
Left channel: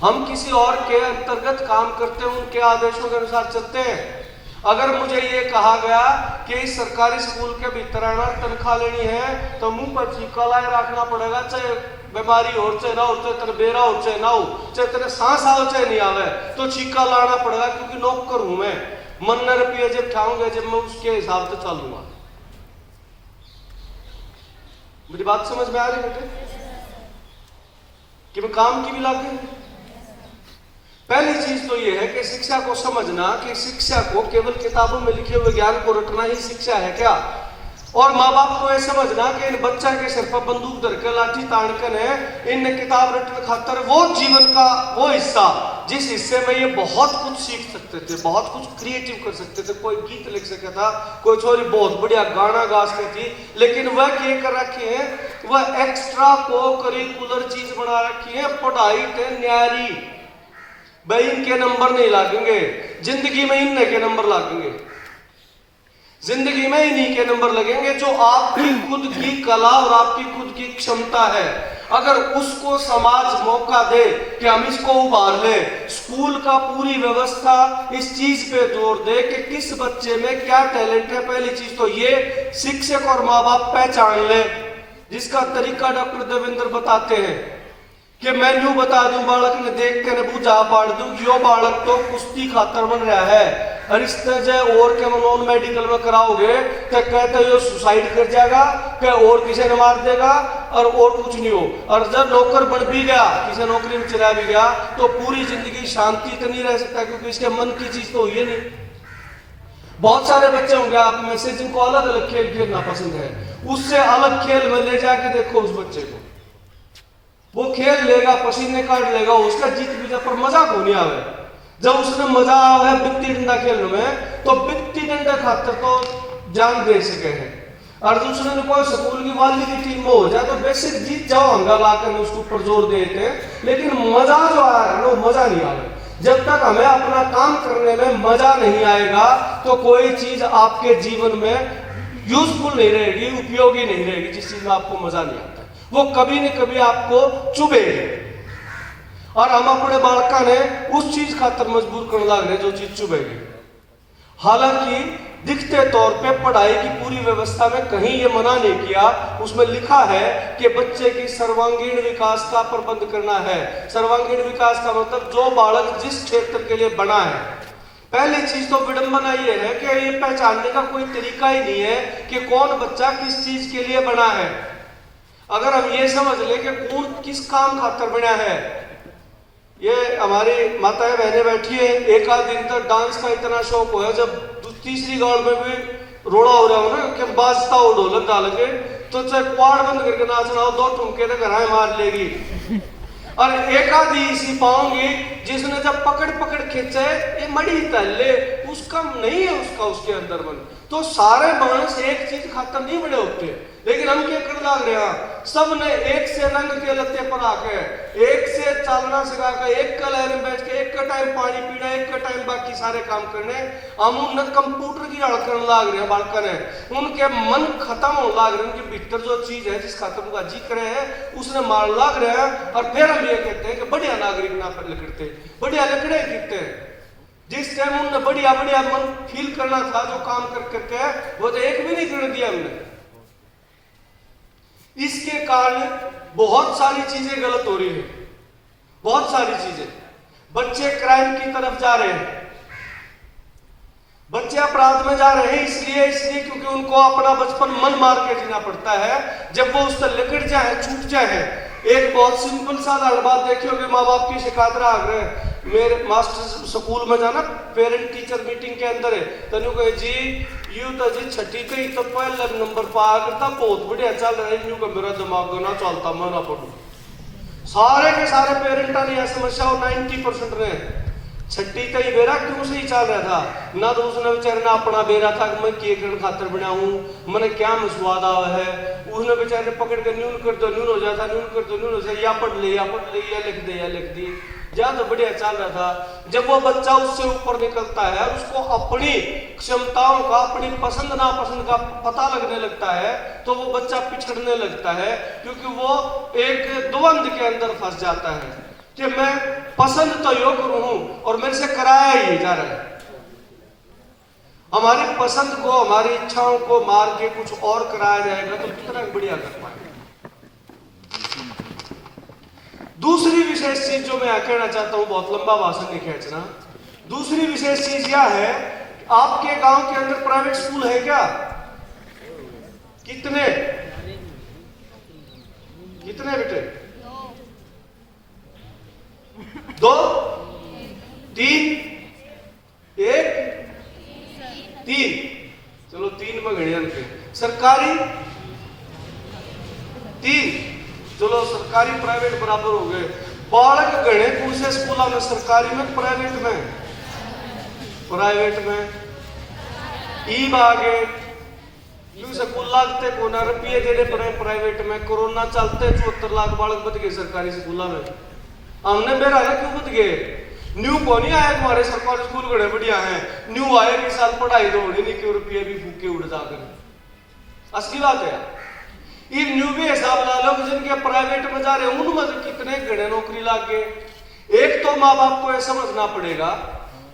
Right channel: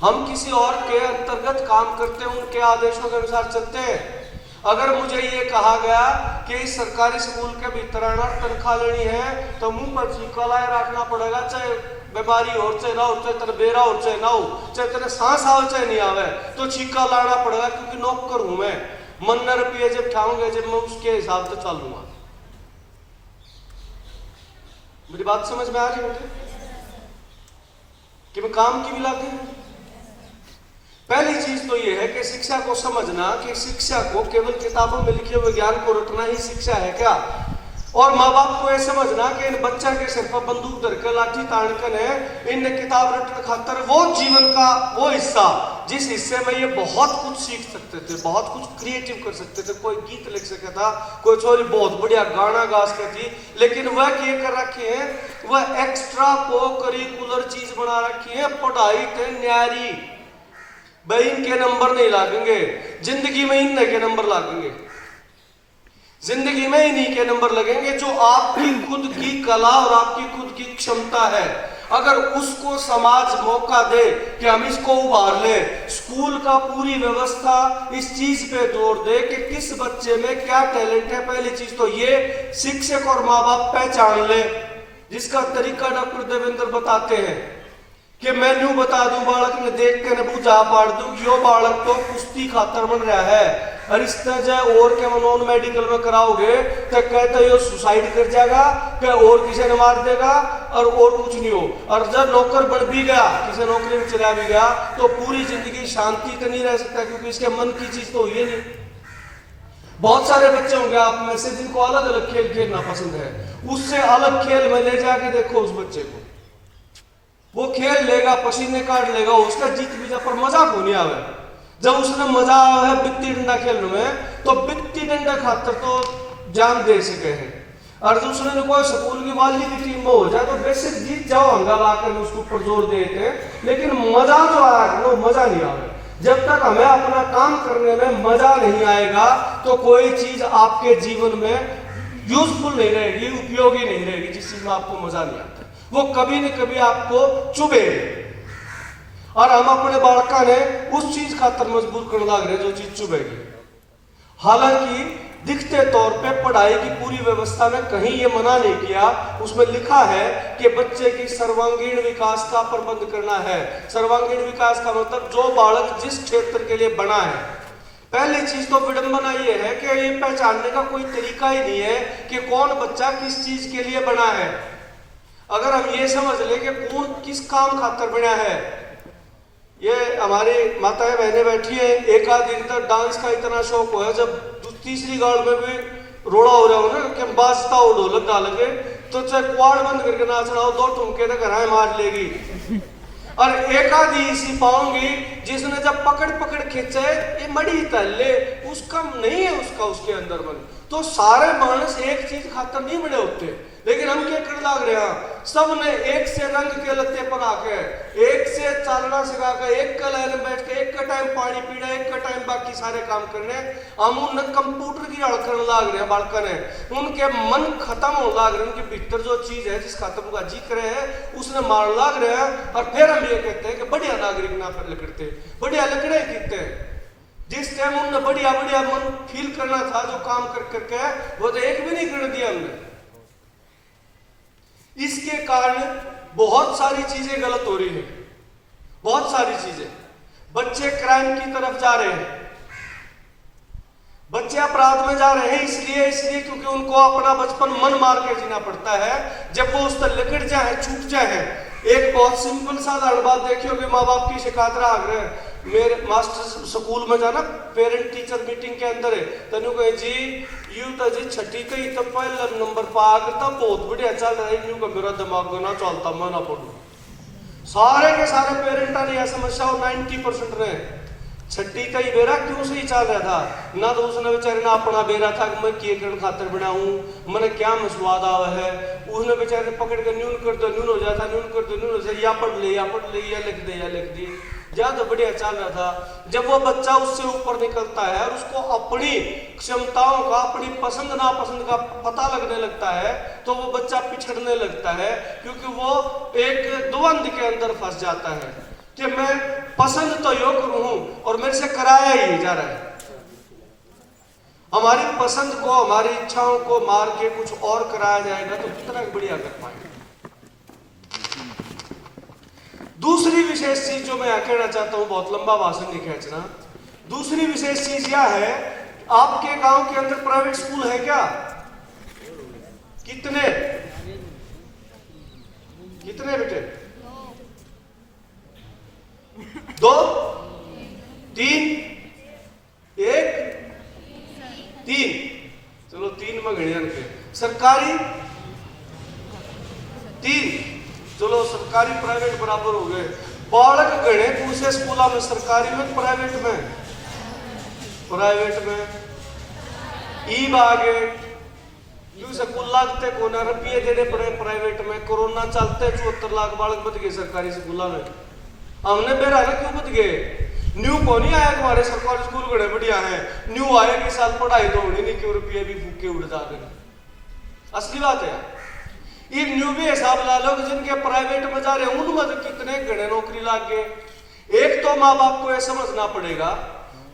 हम किसी और के अंतर्गत काम करते हैं, उनके आदेशों के अनुसार चलते हैं। अगर मुझे ये कहा गया कि इस सरकारी स्कूल के भीतर आना, तनख्वाह लेनी है, तो मुंह पर छिपका लाए रखना पड़ेगा, चाहे बीमारी हो, चाहे ना हो, चाहे तेरे बेरा हो, चाहे ना हो, चाहे तेरे सांस आवे चाहे नहीं आवे, तो छिपका लाना पड़ेगा, क्योंकि नौकर हूं मैं। मन न रुपये जब ठाऊंगे, जब मैं उसके हिसाब से चलूंगा। मेरी बात समझ में आ रही बेटे कि मैं काम की भी लाते? पहली चीज तो यह है कि शिक्षा को समझना कि शिक्षा को केवल किताबों में लिखे हुए ज्ञान को रटना ही शिक्षा है क्या? और माँ बाप को यह समझना कि इन बच्चा के सिर पर बंदूक धर के लाठी ताड़कन है, इन किताब रटन खातर वो जीवन का वो हिस्सा जिस हिस्से में ये बहुत कुछ सीख सकते थे, बहुत कुछ क्रिएटिव कर सकते थे। कोई गीत लिख सका था, कोई छोरी बहुत बढ़िया गाना गा सकती थी, लेकिन वह ये कर रखी है, वह एक्स्ट्रा को करिकुलर चीज बना रखी है। पढ़ाई के न्यारी भाई, इनके नंबर नहीं लागेंगे जिंदगी में, इनके के नंबर लागेंगे जिंदगी में, इन्हीं के नंबर लगेंगे जो आपकी खुद की कला और आपकी खुद की क्षमता है। अगर उसको समाज मौका दे कि हम इसको उभार ले, स्कूल का पूरी व्यवस्था इस चीज पे जोर दे कि किस बच्चे में क्या टैलेंट है। पहली चीज तो ये शिक्षक और माँ बाप पहचान ले, जिसका तरीका डॉक्टर देवेंद्र बताते हैं कि मैं यूं बता दूं, बालक ने देख के न पूजा पाड़ दूं कि यो बालक तो कुश्ती खातर बन रहा है, और इस तरह और के नॉन मेडिकल में कराओगे तो कहते हो सुसाइड कर जाएगा, कि और किसी ने मार देगा और कुछ नहीं हो। और जब नौकर बन भी गया, किसी नौकरी में चला भी गया, तो पूरी जिंदगी शांति तो नहीं रह सकता, क्योंकि इसके मन की चीज तो ये नहीं। बहुत सारे बच्चे होंगे आप में से जिनको अलग अलग खेल खेलना पसंद है, उससे अलग खेल में ले जाके देखो उस बच्चे को, वो खेल लेगा, पसीने काट लेगा, उसका जीत भी जा, पर मजा को नहीं आवे। जब उसने मजा है बित्ती डंडा खेलने में, तो बित्ती डंडा खातर तो जान दे सके हैं। और दूसरे ने कोई स्कूल की वाली की टीम में हो जाए तो बेसिक जीत जाओ हंगामा कर उसके ऊपर जोर देते हैं, लेकिन मजा जो आया वो मजा नहीं आवे। जब तक हमें अपना काम करने में मजा नहीं आएगा तो कोई चीज आपके जीवन में यूजफुल नहीं रहेगी, उपयोगी नहीं रहेगी। जिस चीज में आपको मजा नहीं आता वो कभी न कभी आपको चुभेगी। और हम अपने बालका ने उस चीज खातर मजबूर करने लग रहे जो चीज चुभेगी। हालांकि दिखते तौर पे पढ़ाई की पूरी व्यवस्था में कहीं ये मना नहीं किया, उसमें लिखा है कि बच्चे की सर्वांगीण विकास का प्रबंध करना है। सर्वांगीण विकास का मतलब जो बालक जिस क्षेत्र के लिए बना है। पहली चीज तो विडंबना ये है कि ये पहचानने का कोई तरीका ही नहीं है कि कौन बच्चा किस चीज के लिए बना है। अगर हम ये समझ ले कि कौन किस काम खातर बना है, ये हमारी माताएं बहनें बैठी है, एक आध दिन तक डांस का इतना शौक हो है, जब तीसरी गाड़ में भी रोड़ा हो रहा हो ना कि बाजता हो ढोलक डाल के तो चाहे क्वाड बंद करके नाचना हो, दो ठुमके तो घर मार लेगी। और एक आधी इसी पाऊंगी जिसने जब पकड़ पकड़ खींचे ये मड़ी तल्ले उसका नहीं है, उसका उसके अंदर बन। तो सारे मानस एक चीज खातर नहीं बड़े होते, लेकिन हम क्या कर लाग रहे हैं, सब ने एक से रंग के लत्ते पर आके, एक से चालना सिखा के, एक का लहर में बैठ के, एक का टाइम पानी पीना, एक का टाइम बाकी सारे काम करने। हम उन कंप्यूटर की हड़ करने लाग रहे हैं बालका ने, उनके मन खत्म होने लाग रहे हैं, उनके भीतर जो चीज है जिस खातर उनका जी करे है उसने मार लाग रहे हैं। और फिर हम ये कहते हैं कि बढ़िया नागरिक ना पर लकड़ते, बढ़िया लकड़े कहते हैं। जिस टाइम उन्होंने बढ़िया बढ़िया मन फील करना था जो काम कर करके वो तो एक भी नहीं कर दिया हमने। इसके कारण बहुत सारी चीजें गलत हो रही है, बहुत सारी चीजें। बच्चे क्राइम की तरफ जा रहे हैं, बच्चे अपराध में जा रहे हैं इसलिए क्योंकि उनको अपना बचपन मन मार के जीना पड़ता है। जब वो उससे लिकट जाए, छूट जाए। एक बहुत सिंपल साधारण बात देखी होगी, माँ बाप की शिकायत आ रहे मेरे मास्टर स्कूल में जाना पेरेंट टीचर मीटिंग के अंदर है तनु कहे जी यू तो जी छठी पे तो पहला नंबर पा करता बहुत बढ़िया चल रहा है, यूं का मेरा दिमाग ना चलता मैं ना पढ़ू। सारे के सारे पेरेंटा ने यह समस्या और 90% ने छठी का ही बेरा क्यों सही चल रहा था ना, तो उसने बेचारे ना अपना बेरा था कि मैं के करण खातर बनाऊं, मैंने क्या मसवाद आवा है। उसने बेचारे पकड़ के न्यून कर दो न्यून हो जाता, न्यून कर दो न्यून हो जाता, या पढ़ ले या लिख दे या लिख दी, ज्यादा तो बढ़िया चल रहा था। जब वो बच्चा उससे ऊपर निकलता है और उसको अपनी क्षमताओं का, अपनी पसंद नापसंद का पता लगने लगता है तो वो बच्चा पिछड़ने लगता है, क्योंकि वो एक द्वंद के अंदर फंस जाता है कि मैं पसंद तो योग्य हूं और मेरे से कराया ही जा रहा है। हमारी पसंद को, हमारी इच्छाओं को मार के कुछ और कराया जाएगा तो कितना बढ़िया कर पाएंगे। दूसरी विशेष चीज जो मैं कहना चाहता हूं, बहुत लंबा भाषण नहीं खींचना, दूसरी विशेष चीज यह है, आपके गांव के अंदर प्राइवेट स्कूल है क्या? कितने कितने बेटे? 2 3 1 3, चलो 3 में गए के सरकारी 3, चलो सरकारी प्राइवेट बराबर हो गए। बालक गणे कौन से स्कूल में, सरकारी में प्राइवेट में? प्राइवेट में ई बागे क्यों स्कूल लागते कोना रुपये देने पड़े प्राइवेट में। कोरोना चलते 74 लाख बालक बच गए सरकारी स्कूलों में। हमने बेरा ना क्यों बच गए? न्यू को नहीं आया हमारे सरकारी स्कूल बड़े बढ़िया है, न्यू आए कि साल पढ़ाई तो होनी नहीं, क्यों रुपये भी फूके उड़ जाते। असली बात है। ये न्यू भी हिसाब ला लो जिनके प्राइवेट में जा रहे उनमें तो कितने गणे नौकरी लाग गए। एक तो माँ बाप को यह समझना पड़ेगा,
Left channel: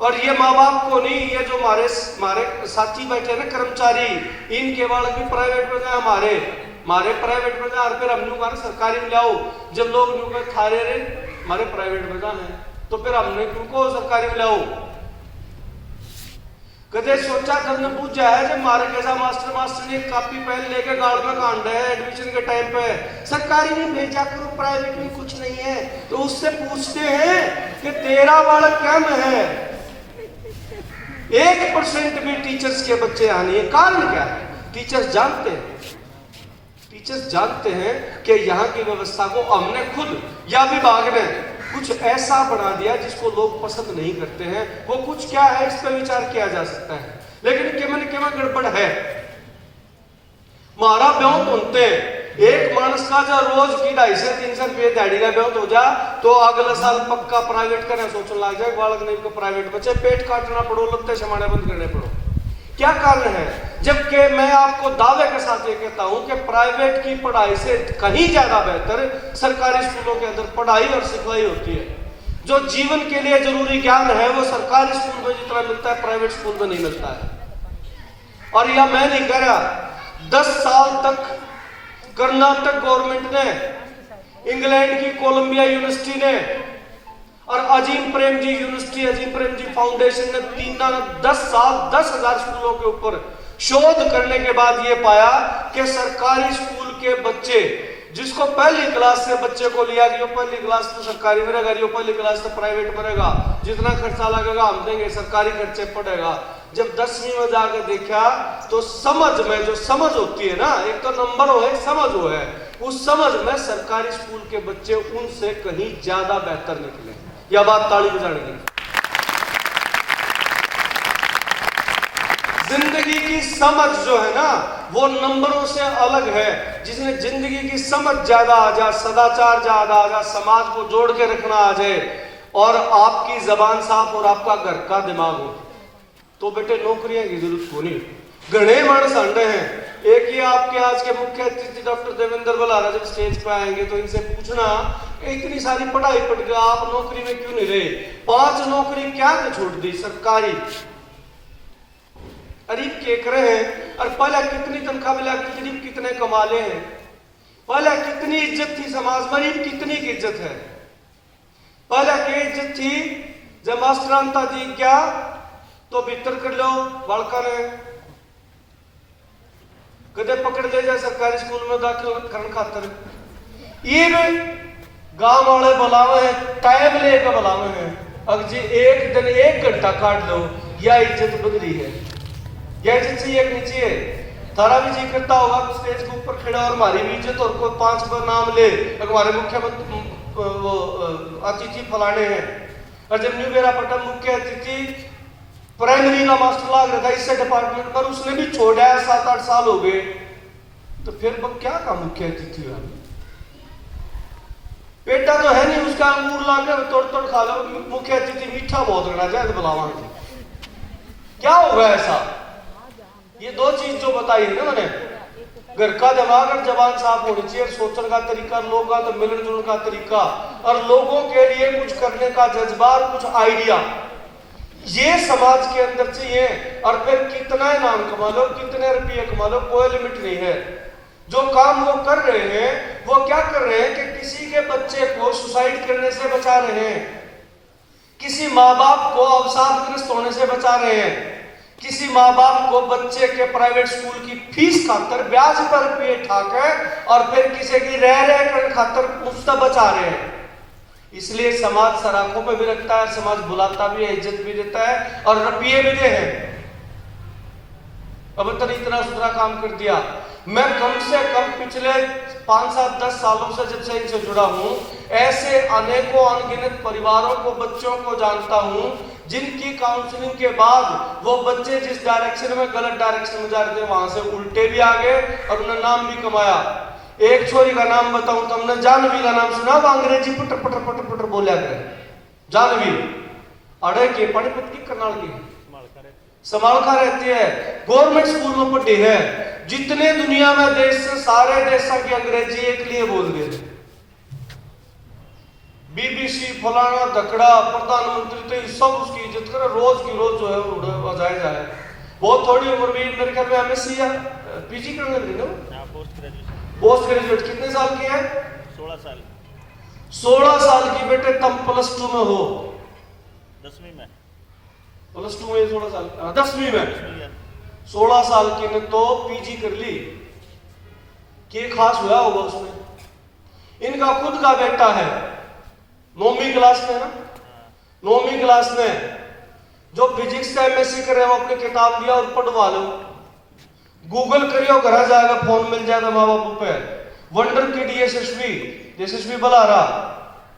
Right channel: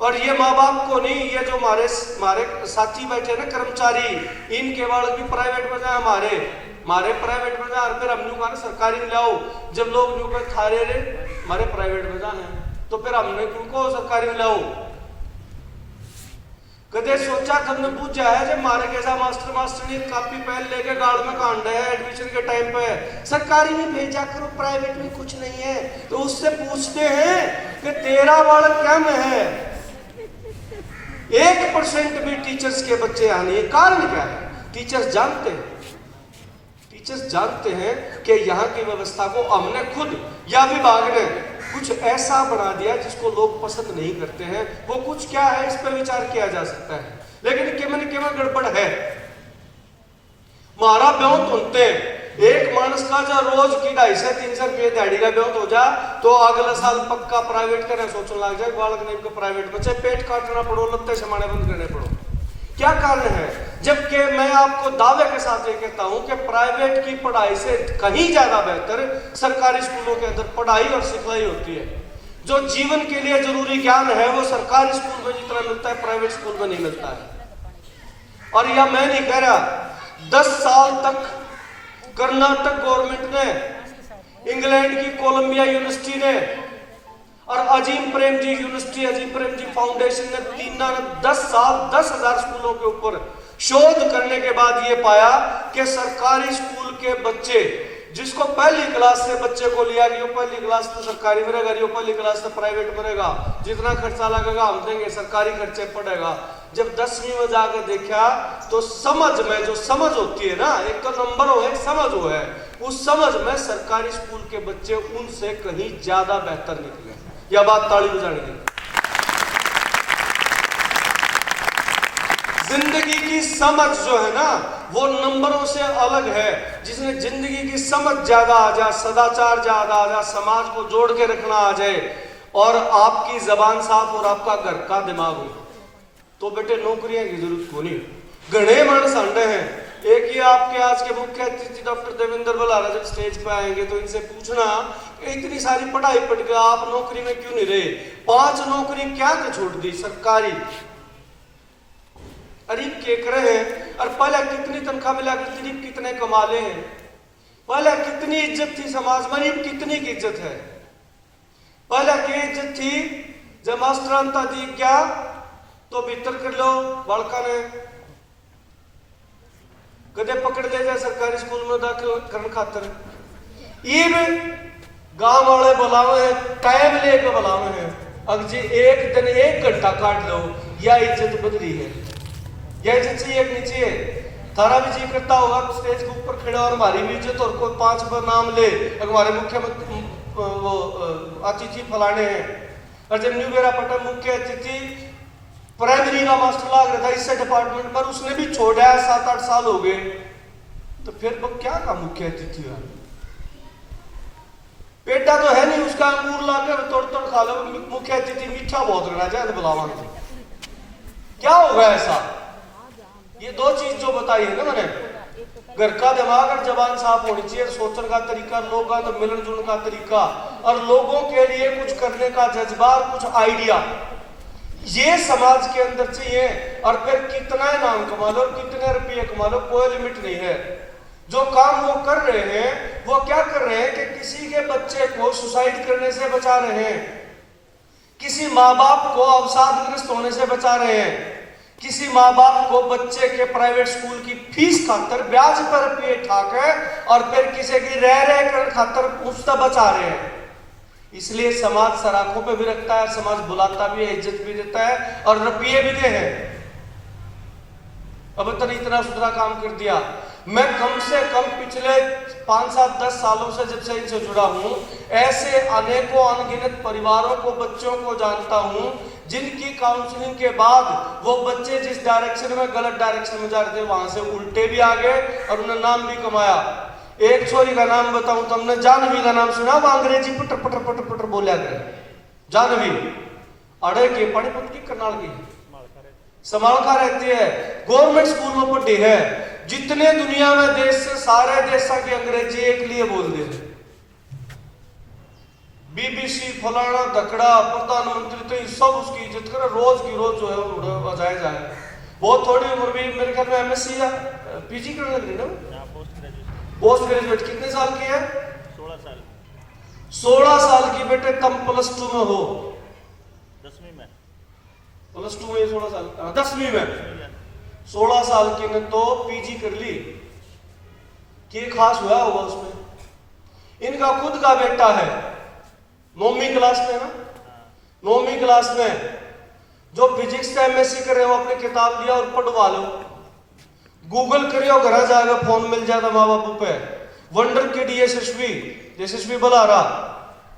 और ये माँ बाप को नहीं, ये जो हमारे साथी बैठे ना कर्मचारी, इनके बालक भी प्राइवेट में जाए, हमारे प्राइवेट में जाए, फिर हम न्यू कहा सरकारी में लाओ। जब लोग न्यू कर खा रहे हमारे प्राइवेट में जाए तो फिर हमने उनको सरकारी में लाओ। कदे सोचा कदने पूछा है जब मारे कैसा मास्टर ने कापी पेन लेके गाड़ में कांडा है एडमिशन के टाइम पे, सरकारी में भेजा करो, प्राइवेट में कुछ नहीं है। तो उससे पूछते हैं कि तेरा बालक क्या में है? 1% भी टीचर्स के बच्चे आने हैं। कारण क्या है? टीचर्स जानते हैं कि यहाँ की व्यवस्था को हमने खुद या विभाग ने कुछ ऐसा बना दिया जिसको लोग पसंद नहीं करते हैं। वो कुछ क्या है इस पर विचार किया जा सकता है, लेकिन केवल गड़बड़ है। हमारा ब्योंत होते हैं एक मानस का जो रोज की 250-300 रुपये दिहाड़ी का ब्योंत हो जा तो अगले साल पक्का प्राइवेट करना सोचने लग जाए, बालक नहीं को प्राइवेट बच्चे पेट काटना पड़ो, लत्ते समाने बंद करने पड़ो। क्या कारण है? जबकि मैं आपको दावे के साथ ये कहता हूं कि प्राइवेट की पढ़ाई से कहीं ज्यादा बेहतर सरकारी स्कूलों के अंदर पढ़ाई और सिखलाई होती है। जो जीवन के लिए जरूरी ज्ञान है वो सरकारी स्कूल में जितना मिलता है प्राइवेट स्कूल में नहीं मिलता है। और यह मैं नहीं कह रहा, 10 साल तक कर्नाटक गवर्नमेंट ने, इंग्लैंड की कोलंबिया यूनिवर्सिटी ने और अजीम प्रेमजी यूनिवर्सिटी, अजीम प्रेमजी फाउंडेशन ने 10 साल 10,000 स्कूलों के ऊपर शोध करने के बाद यह पाया कि सरकारी स्कूल के बच्चे जिसको पहली क्लास से बच्चे को लिया गया, पहली क्लास तो सरकारी में रहेगा, पहली क्लास तो प्राइवेट में रहेगा, जितना खर्चा लगेगा हम देंगे, सरकारी खर्चे पड़ेगा। जब 10वीं में जाकर देखा तो समझ में जो समझ होती है ना, एक तो नंबर हो है, समझ हो है, उस समझ में सरकारी स्कूल के बच्चे उनसे कहीं ज्यादा बेहतर निकले। यह बात ताली बजाने की। जिंदगी की समझ जो है ना वो नंबरों से अलग है। जिसने जिंदगी की समझ ज्यादा आ जाए, सदाचार ज्यादा आ जाए, समाज को जोड़ के रखना आ जाए और आपकी जबान साफ और आपका घर का दिमाग हो तो बेटे नौकरियां की जरूरत को नहीं। घने मानस अंडे हैं। एक ही आपके आज के मुख्य अतिथि डॉक्टर देवेंद्र बलारा जब स्टेज पे आएंगे तो इनसे पूछना इतनी सारी पढ़ाई पढ़ के आप नौकरी में क्यों नहीं रहे? 5 नौकरी क्या तो छोड़ दी सरकारी, अरीब केक रहे हैं। और पहले कितनी तनख्वाह मिला, कितने कमाले हैं, पहले कितनी इज्जत थी समाज में, अरीब कितनी की इज्जत है। पहले की इज्जत थी जब मास्टरांता दी क्या तो भीतर कर लो बालका ने कदे पकड़ दे जाए सरकारी स्कूल में दाखिल करने खातर। ये गांव वाले बुलावे हैं, टाइम लेकर बुलावे हैं। अब जी एक दिन 1 घंटा काट लो, यह इज्जत बदली है, यह इज्जत से एक नीचे है। थारा भी जी करता होगा स्टेज के ऊपर खड़ा और हमारी भी इज्जत और कोई 5 बार नाम ले हमारे मुख्यमंत्री वो अतिथि फलाने हैं। और जब न्यू बेरा पटन मुख्य अतिथि प्राइमरी का मास्टर लाग रहा था इससे डिपार्टमेंट पर, उसने भी छोड़ा है, 7-8 साल हो गए, तो फिर क्या का मुख्य अतिथि हुआ? बेटा तो है नहीं उसका, अंगूर लाकर तोड़ खा लो, मुख्य अतिथि मीठा बहुत रहना चाहिए बुलावा। क्या होगा ऐसा? ये 2 चीज जो बताई है ना मैंने, घर का दिमाग और जबान साफ होनी चाहिए, सोचने का तरीका, लोगों का तो मिलन जुलन का तरीका और लोगों के लिए कुछ करने का जज्बा, कुछ आइडिया, ये समाज के अंदर चाहिए। और फिर कितना नाम कमा लो, कितने रुपये कमा लो, कोई लिमिट नहीं है। जो काम वो कर रहे हैं वो क्या कर रहे हैं कि किसी के बच्चे को सुसाइड करने से बचा रहे हैं, किसी माँ बाप को अवसादग्रस्त होने से बचा रहे हैं, किसी माँ बाप को बच्चे के प्राइवेट स्कूल की फीस खातर ब्याज पर रुपये ठाकर और फिर किसी की रह खातर उससे बचा रहे हैं। इसलिए समाज सराखों पे भी रखता है, समाज बुलाता भी है, इज्जत भी देता है और रुपये भी दे हैं। अब तक इतना सुथरा काम कर दिया। मैं कम से कम पिछले 5-7-10 सालों से जब से इनसे जुड़ा हूं, ऐसे अनेकों अनगिनत परिवारों को, बच्चों को जानता हूं जिनकी काउंसलिंग के बाद वो बच्चे जिस डायरेक्शन में, गलत डायरेक्शन में जा रहे थे वहां से उल्टे भी आ गए और उन्हें नाम भी कमाया। एक छोरी का नाम बताऊं तो हमने जानवी का नाम सुना, वो अंग्रेजी पटर पटर पटर पटर बोलिया करे। जानवी अड़े के पानीपत की करनाल की समालखा रहती है, गवर्नमेंट स्कूल में पढ़ी है। जितने दुनिया में देश से सारे देशों की अंग्रेजी एक लिए बोल दे। बीबीसी फलाना धकड़ा प्रधानमंत्री तो सब उसकी इज्जत करे, रोज की रोज जो है बजाया जाए। बहुत थोड़ी उम्र में मेरे ख्याल में एमएससी या पीजी करने लगी ना, पोस्ट ग्रेजुएट कितने साल की है? 16 साल। 16 साल की बेटे तुम +2 में हो, 10वीं में, +2 में 16 साल, 10वीं में 16 साल की ने तो पीजी कर ली। क्या खास हुआ होगा उसमें? इनका खुद का बेटा है 9वीं क्लास में ना, 9वीं क्लास में जो फिजिक्स से एमएससी करे वो अपनी किताब लिया और पढ़वा लो, गूगल करियो घर जाएगा, फोन मिल जाएगा माँ बापू पे। वंडर किड यशस्वी बुला रहा,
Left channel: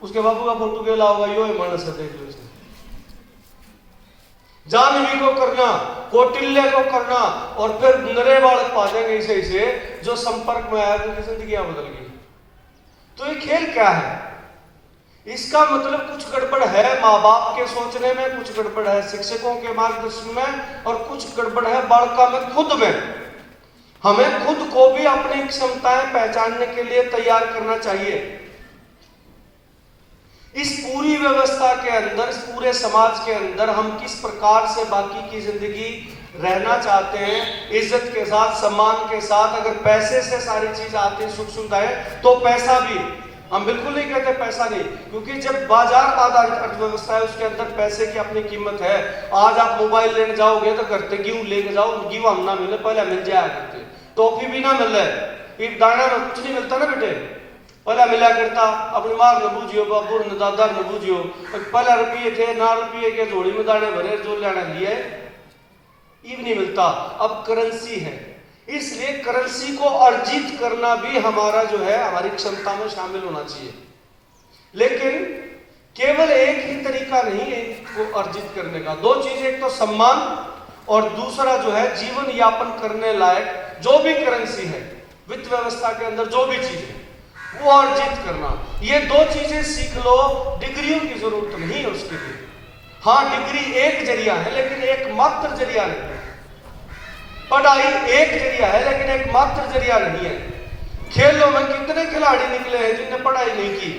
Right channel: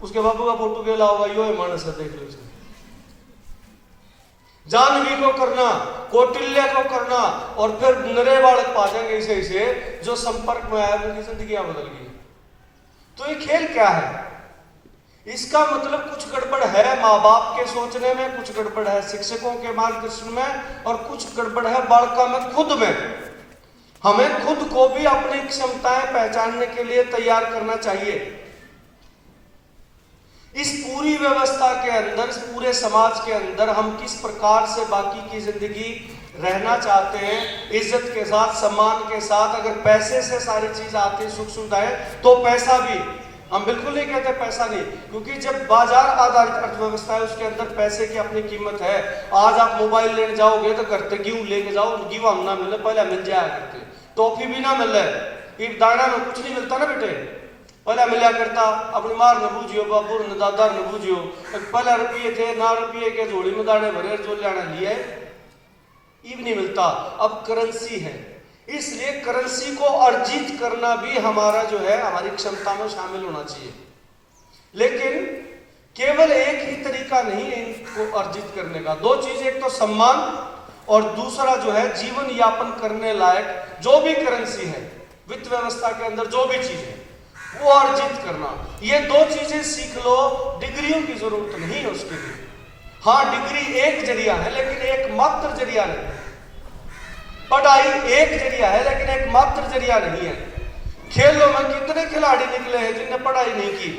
उसके बापू का फोटो के लाओगा, यो मानस देख लो इसमें। जानवी को करना, कौटिल्य को करना, और फिर नरे बालक पा जाएंगे इसे जो संपर्क में आया उनकी जिंदगियां बदल गई। तो ये खेल क्या है? इसका मतलब कुछ गड़बड़ है माँ बाप के सोचने में, कुछ गड़बड़ है शिक्षकों के मार्गदर्शन में, और कुछ गड़बड़ है बालका में, खुद में। हमें खुद को भी अपनी क्षमताएं पहचानने के लिए तैयार करना चाहिए। इस पूरी व्यवस्था के अंदर, इस पूरे समाज के अंदर हम किस प्रकार से बाकी की जिंदगी रहना चाहते हैं, इज्जत के साथ, सम्मान के साथ। अगर पैसे से सारी चीज आती है, सुख सुविधाएं, तो पैसा भी, हम बिल्कुल नहीं कहते पैसा नहीं, क्योंकि जब बाजार आधारित अर्थव्यवस्था है उसके अंदर पैसे की अपनी कीमत है। आज आप मोबाइल लेने जाओगे तो घर तक गेहूं लेके जाओ, गेहूं हम ना मिले, पहले मिल जाया करते, टॉफी भी ना मिल रहा है, दाना में कुछ नहीं मिलता ना बेटे, पहले मिला करता। अपनी मार न बूझियो, बाबू न दादा न बूझियो, पहले रुपये थे ना, रुपये के झोड़ी में दाने भरे जो लेना लिए, ये नहीं मिलता। अब करेंसी है, इसलिए करेंसी को अर्जित करना भी हमारा जो है, हमारी क्षमता में शामिल होना चाहिए। लेकिन केवल एक ही तरीका नहीं है इनको अर्जित करने का। दो चीजें, एक तो सम्मान और दूसरा जो है जीवन यापन करने लायक जो भी करेंसी है, वित्त व्यवस्था के अंदर जो भी चीज है वो अर्जित करना। ये दो चीजें सीख लो, डिग्रियों की जरूरत नहीं है उसके लिए। हाँ, डिग्री एक जरिया है लेकिन एक मात्र जरिया नहीं है। पढ़ाई एक जरिया है लेकिन एक मात्र जरिया नहीं है। खेलों में कितने खिलाड़ी निकले हैं जिनने पढ़ाई नहीं की।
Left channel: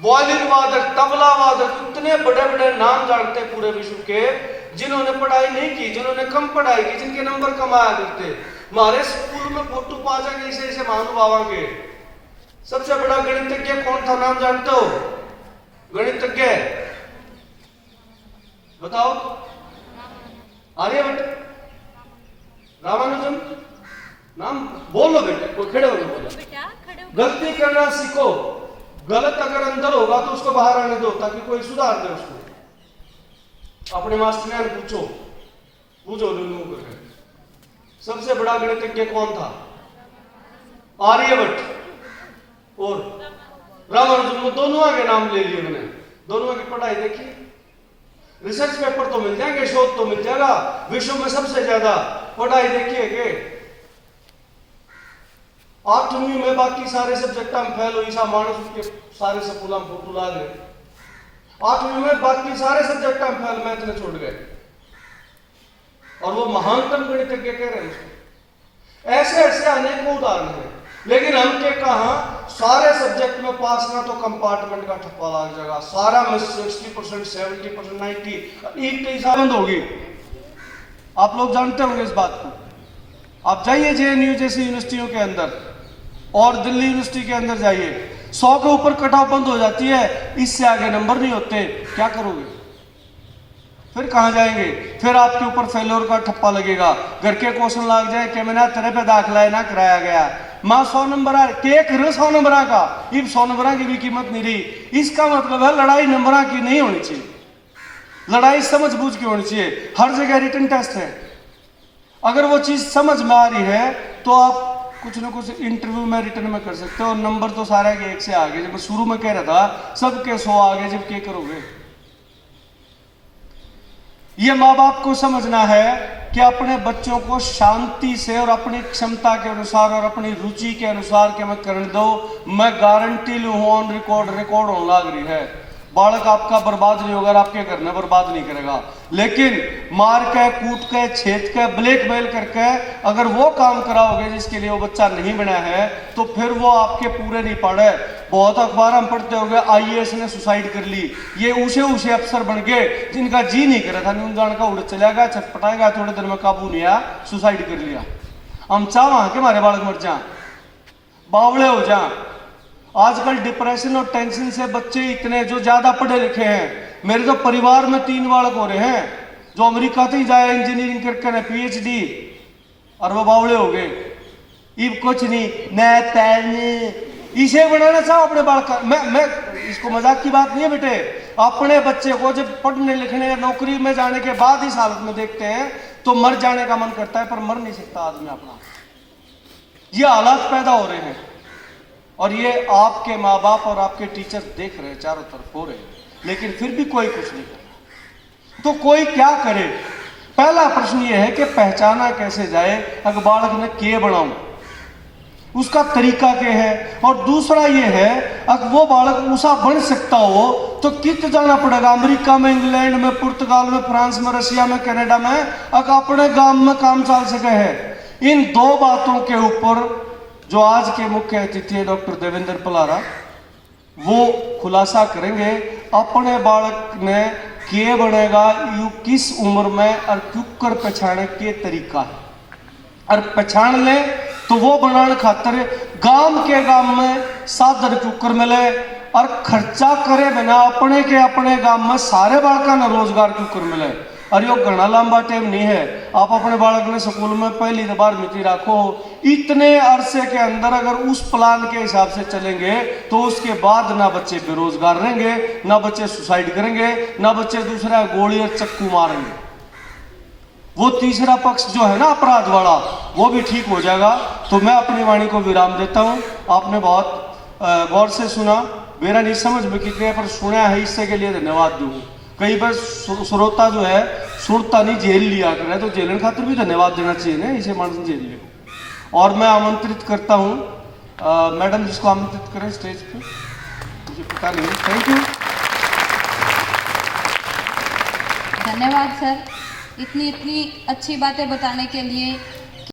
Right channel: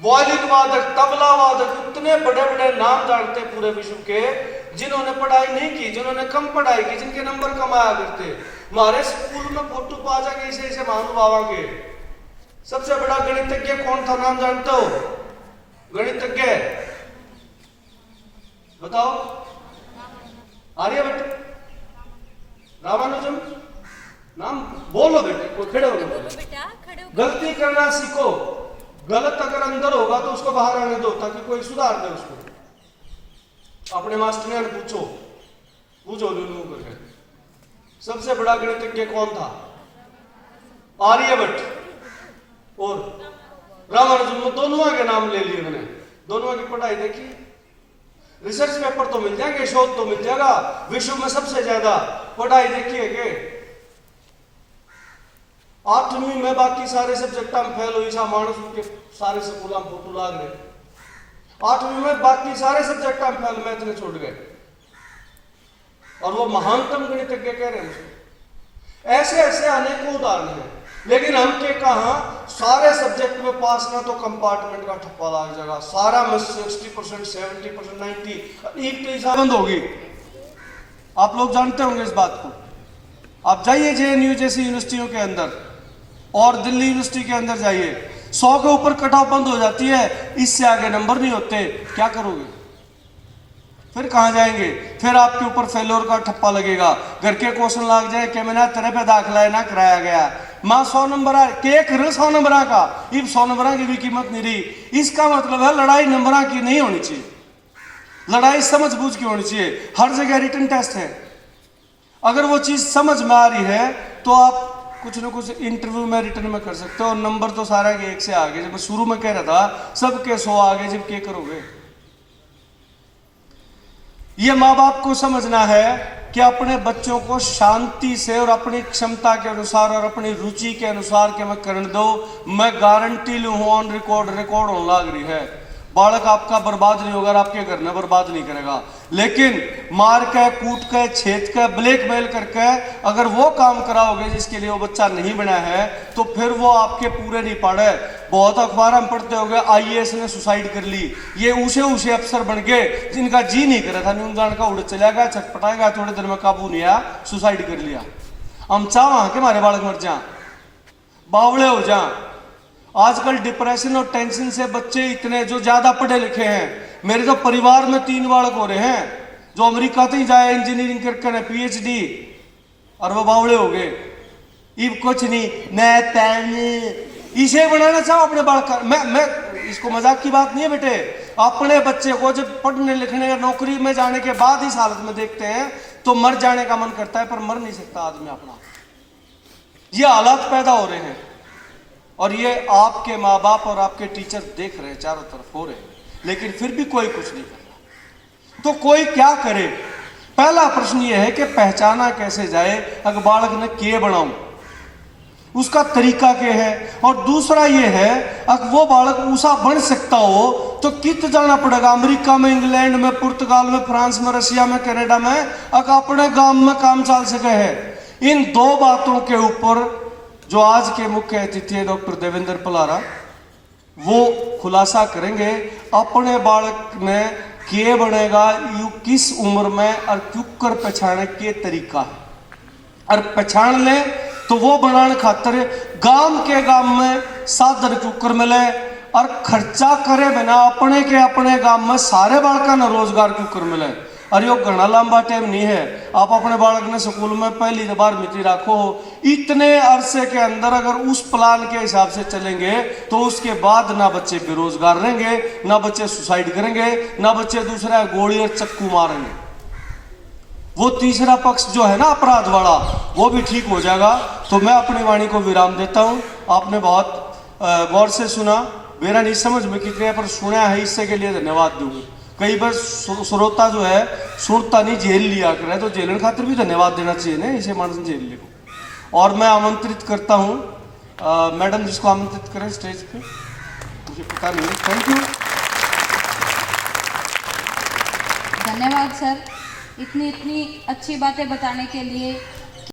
वायलिन वादक, तबला वादक, इतने बड़े बड़े नाम जानते पूरे विश्व के, जिन्होंने पढ़ाई नहीं की, जिन्होंने कम पढ़ाई की, जिनके नंबर कम आया करते। हमारे स्कूल में फोटो पा जाएंगे ऐसे महानुभाव के। सबसे बड़ा गणितज्ञ कौन था, नाम जानते हो? गणितज्ञ बताओ। आर्यभट्ट, रामानुजम, नाम बोलो बेटे, कोई खड़े होके बोलो। गलती करना सीखो, गलत अगर अंदर होगा तो उसको बाहर आने दो ताकि कोई सुधार दे उसको। अपने मास्टर ने पूछो लूलू करके, सबसे बड़ा गणितज्ञ कौन था? आर्यभट्ट और रामानुजम, दोनों के नाम ले लिए मैंने। दोनों की पढ़ाई देखी, रिसर्च पेपर तो मिल जाएंगे, शोध तो मिल जाएगा। विश्व में सबसे ज्यादा पढ़ाई देखिए, 8वीं में बाकी सारे सब्जेक्ट हम फेल हुई सा मानस के सारे स्कूल हम फोटो ला गए। 8वीं में बाकी सारे सब्जेक्ट हम फेल, मैथ में छोड़ गए, और वो महानतम गणितज्ञ कह रहे हैं। ऐसे ऐसे अनेकों उदाहरण हैं। लेकिन हम के कहा सारे सब्जेक्ट में पास ना तो कंपार्टमेंट का ठप्पा लग जाएगा, सारा में 60%, 70%, 90 एक के हिसाब बंद होगी। आप लोग जानते होंगे इस बात को। आप जाइए JNU जैसी यूनिवर्सिटियों के अंदर और दिल्ली यूनिवर्सिटी के अंदर जाइए, 100 के ऊपर कट ऑफ बंद हो जाती है, इससे आगे नंबर नहीं होते। क्या करोगे फिर? कहां जाएंगे? फिर आपके ऊपर फेलोर का ठप्पा लगेगा। घर के क्वेश्चन लग जाए कि मैंने तेरे पे दाखिला ना कराया गया, मां 100 नंबर के कर 100 नंबर का, अब 100 नंबर की भी कीमत नहीं रही। इसका मतलब है लड़ाई नंबर की नहीं होनी चाहिए, लड़ाई समझ बूझ की होनी चाहिए। हर जगह रिटन टेस्ट है, अगर वो चीज समझ में आ रही है तो आप कुछ ना कुछ इंटरव्यू में रिटर्न में कर सकते हो। और नंबर तो सारा के एक से आगे, जब शुरू में कह रहा था सबके 100 आगे, जब क्या करोगे? ये माँ बाप को समझना है कि अपने बच्चों को शांति से और अपनी क्षमता के अनुसार और अपनी रुचि के अनुसार के मैं करने दो। मैं गारंटी लू हूं, ऑन रिकॉर्ड होने लग रही है, बालक आपका बर्बाद नहीं होगा, आपके घर में बर्बाद नहीं करेगा। लेकिन मार के, कूट के, छेद के, ब्लैकमेल करके अगर वो काम कराओगे जिसके लिए वो बच्चा नहीं बना है, तो फिर वो आपके पूरे नहीं पड़े। बहुत अखबार हम पढ़ते होंगे IAS ने सुसाइड कर ली, ये ऊंचे अफसर बन गए जिनका जी नहीं करा था, नींद जान का उड़ चला गया, छटपटाएगा, थोड़े दिन में काबू नहीं आया, सुसाइड कर लिया। हम चाह के हमारे बालक मर जाए, बावड़े हो जाए। आजकल डिप्रेशन और टेंशन से बच्चे इतने जो ज्यादा पढ़े लिखे हैं, मेरे तो परिवार में 3 बालक हो रहे हैं जो अमेरिका तक जाए इंजीनियरिंग करके PhD, और वो बावड़े हो गए। इब कुछ नहीं, इसे बनाना चाहो अपने बालक। मैं इसको मजाक की बात नहीं है बेटे, अपने बच्चे को जब पढ़ने लिखने नौकरी में जाने के बाद इस हालत में देखते हैं तो मर जाने का मन करता है, पर मर नहीं सकता आदमी अपना। ये हालात पैदा हो रहे हैं और ये आपके माँ बाप और आपके टीचर देख रहे हैं, चारों तरफ हो रहे हैं, लेकिन फिर भी कोई कुछ नहीं कर रहा। तो कोई क्या करे? पहला प्रश्न ये है कि पहचाना कैसे जाए अगर बालक ने के बनाऊं, उसका तरीका क्या है? और दूसरा ये है अगर वो बालक ऊसा बन सकता हो तो कित जाना पड़ेगा? अमेरिका में, इंग्लैंड में, पुर्तगाल में, फ्रांस में, रशिया में, कनाडा में, अगर अपने गांव में काम चल सके है। इन दो बातों के ऊपर जो आज के मुख्य अतिथि है डॉक्टर देवेंद्र पलारा, वो खुलासा करेंगे। अपने बालक ने के बनेगा यू किस उम्र में और क्यों कर पहचाने के तरीका है, और पहचान ले तो वो बनाने खातर गांव में साधन कुकर मिले और खर्चा करे बना अपने गांव में सारे बालका ने रोजगार कुकर मिले। और यो घना लंबा टाइम नहीं है। आप अपने बालक ने स्कूल में पहली 12वीं राखो, इतने अरसे के अंदर अगर उस प्लान के हिसाब से चलेंगे तो उसके बाद ना बच्चे बेरोजगार रहेंगे, ना बच्चे सुसाइड करेंगे, ना बच्चे दूसरा गोली और चक्कू मारेंगे। वो तीसरा पक्ष जो है ना अपराध वाला, वो भी ठीक हो जाएगा। तो मैं अपनी वाणी को विराम देता हूँ। आपने बहुत गौर से सुना, मेरा नहीं समझ में कितने पर सुना है, इससे के लिए धन्यवाद दूंगा। कई बार श्रोता जो है सुनता नहीं, झेल लिया करे, तो झेलने खातिर भी धन्यवाद देना चाहिए ना, इसे मानस झेल ले। और मैं आमंत्रित करता हूँ मैडम जिसको आमंत्रित करें स्टेज पे, मुझे पता नहीं। थैंक यू, धन्यवाद सर, इतनी अच्छी बातें बताने के लिए।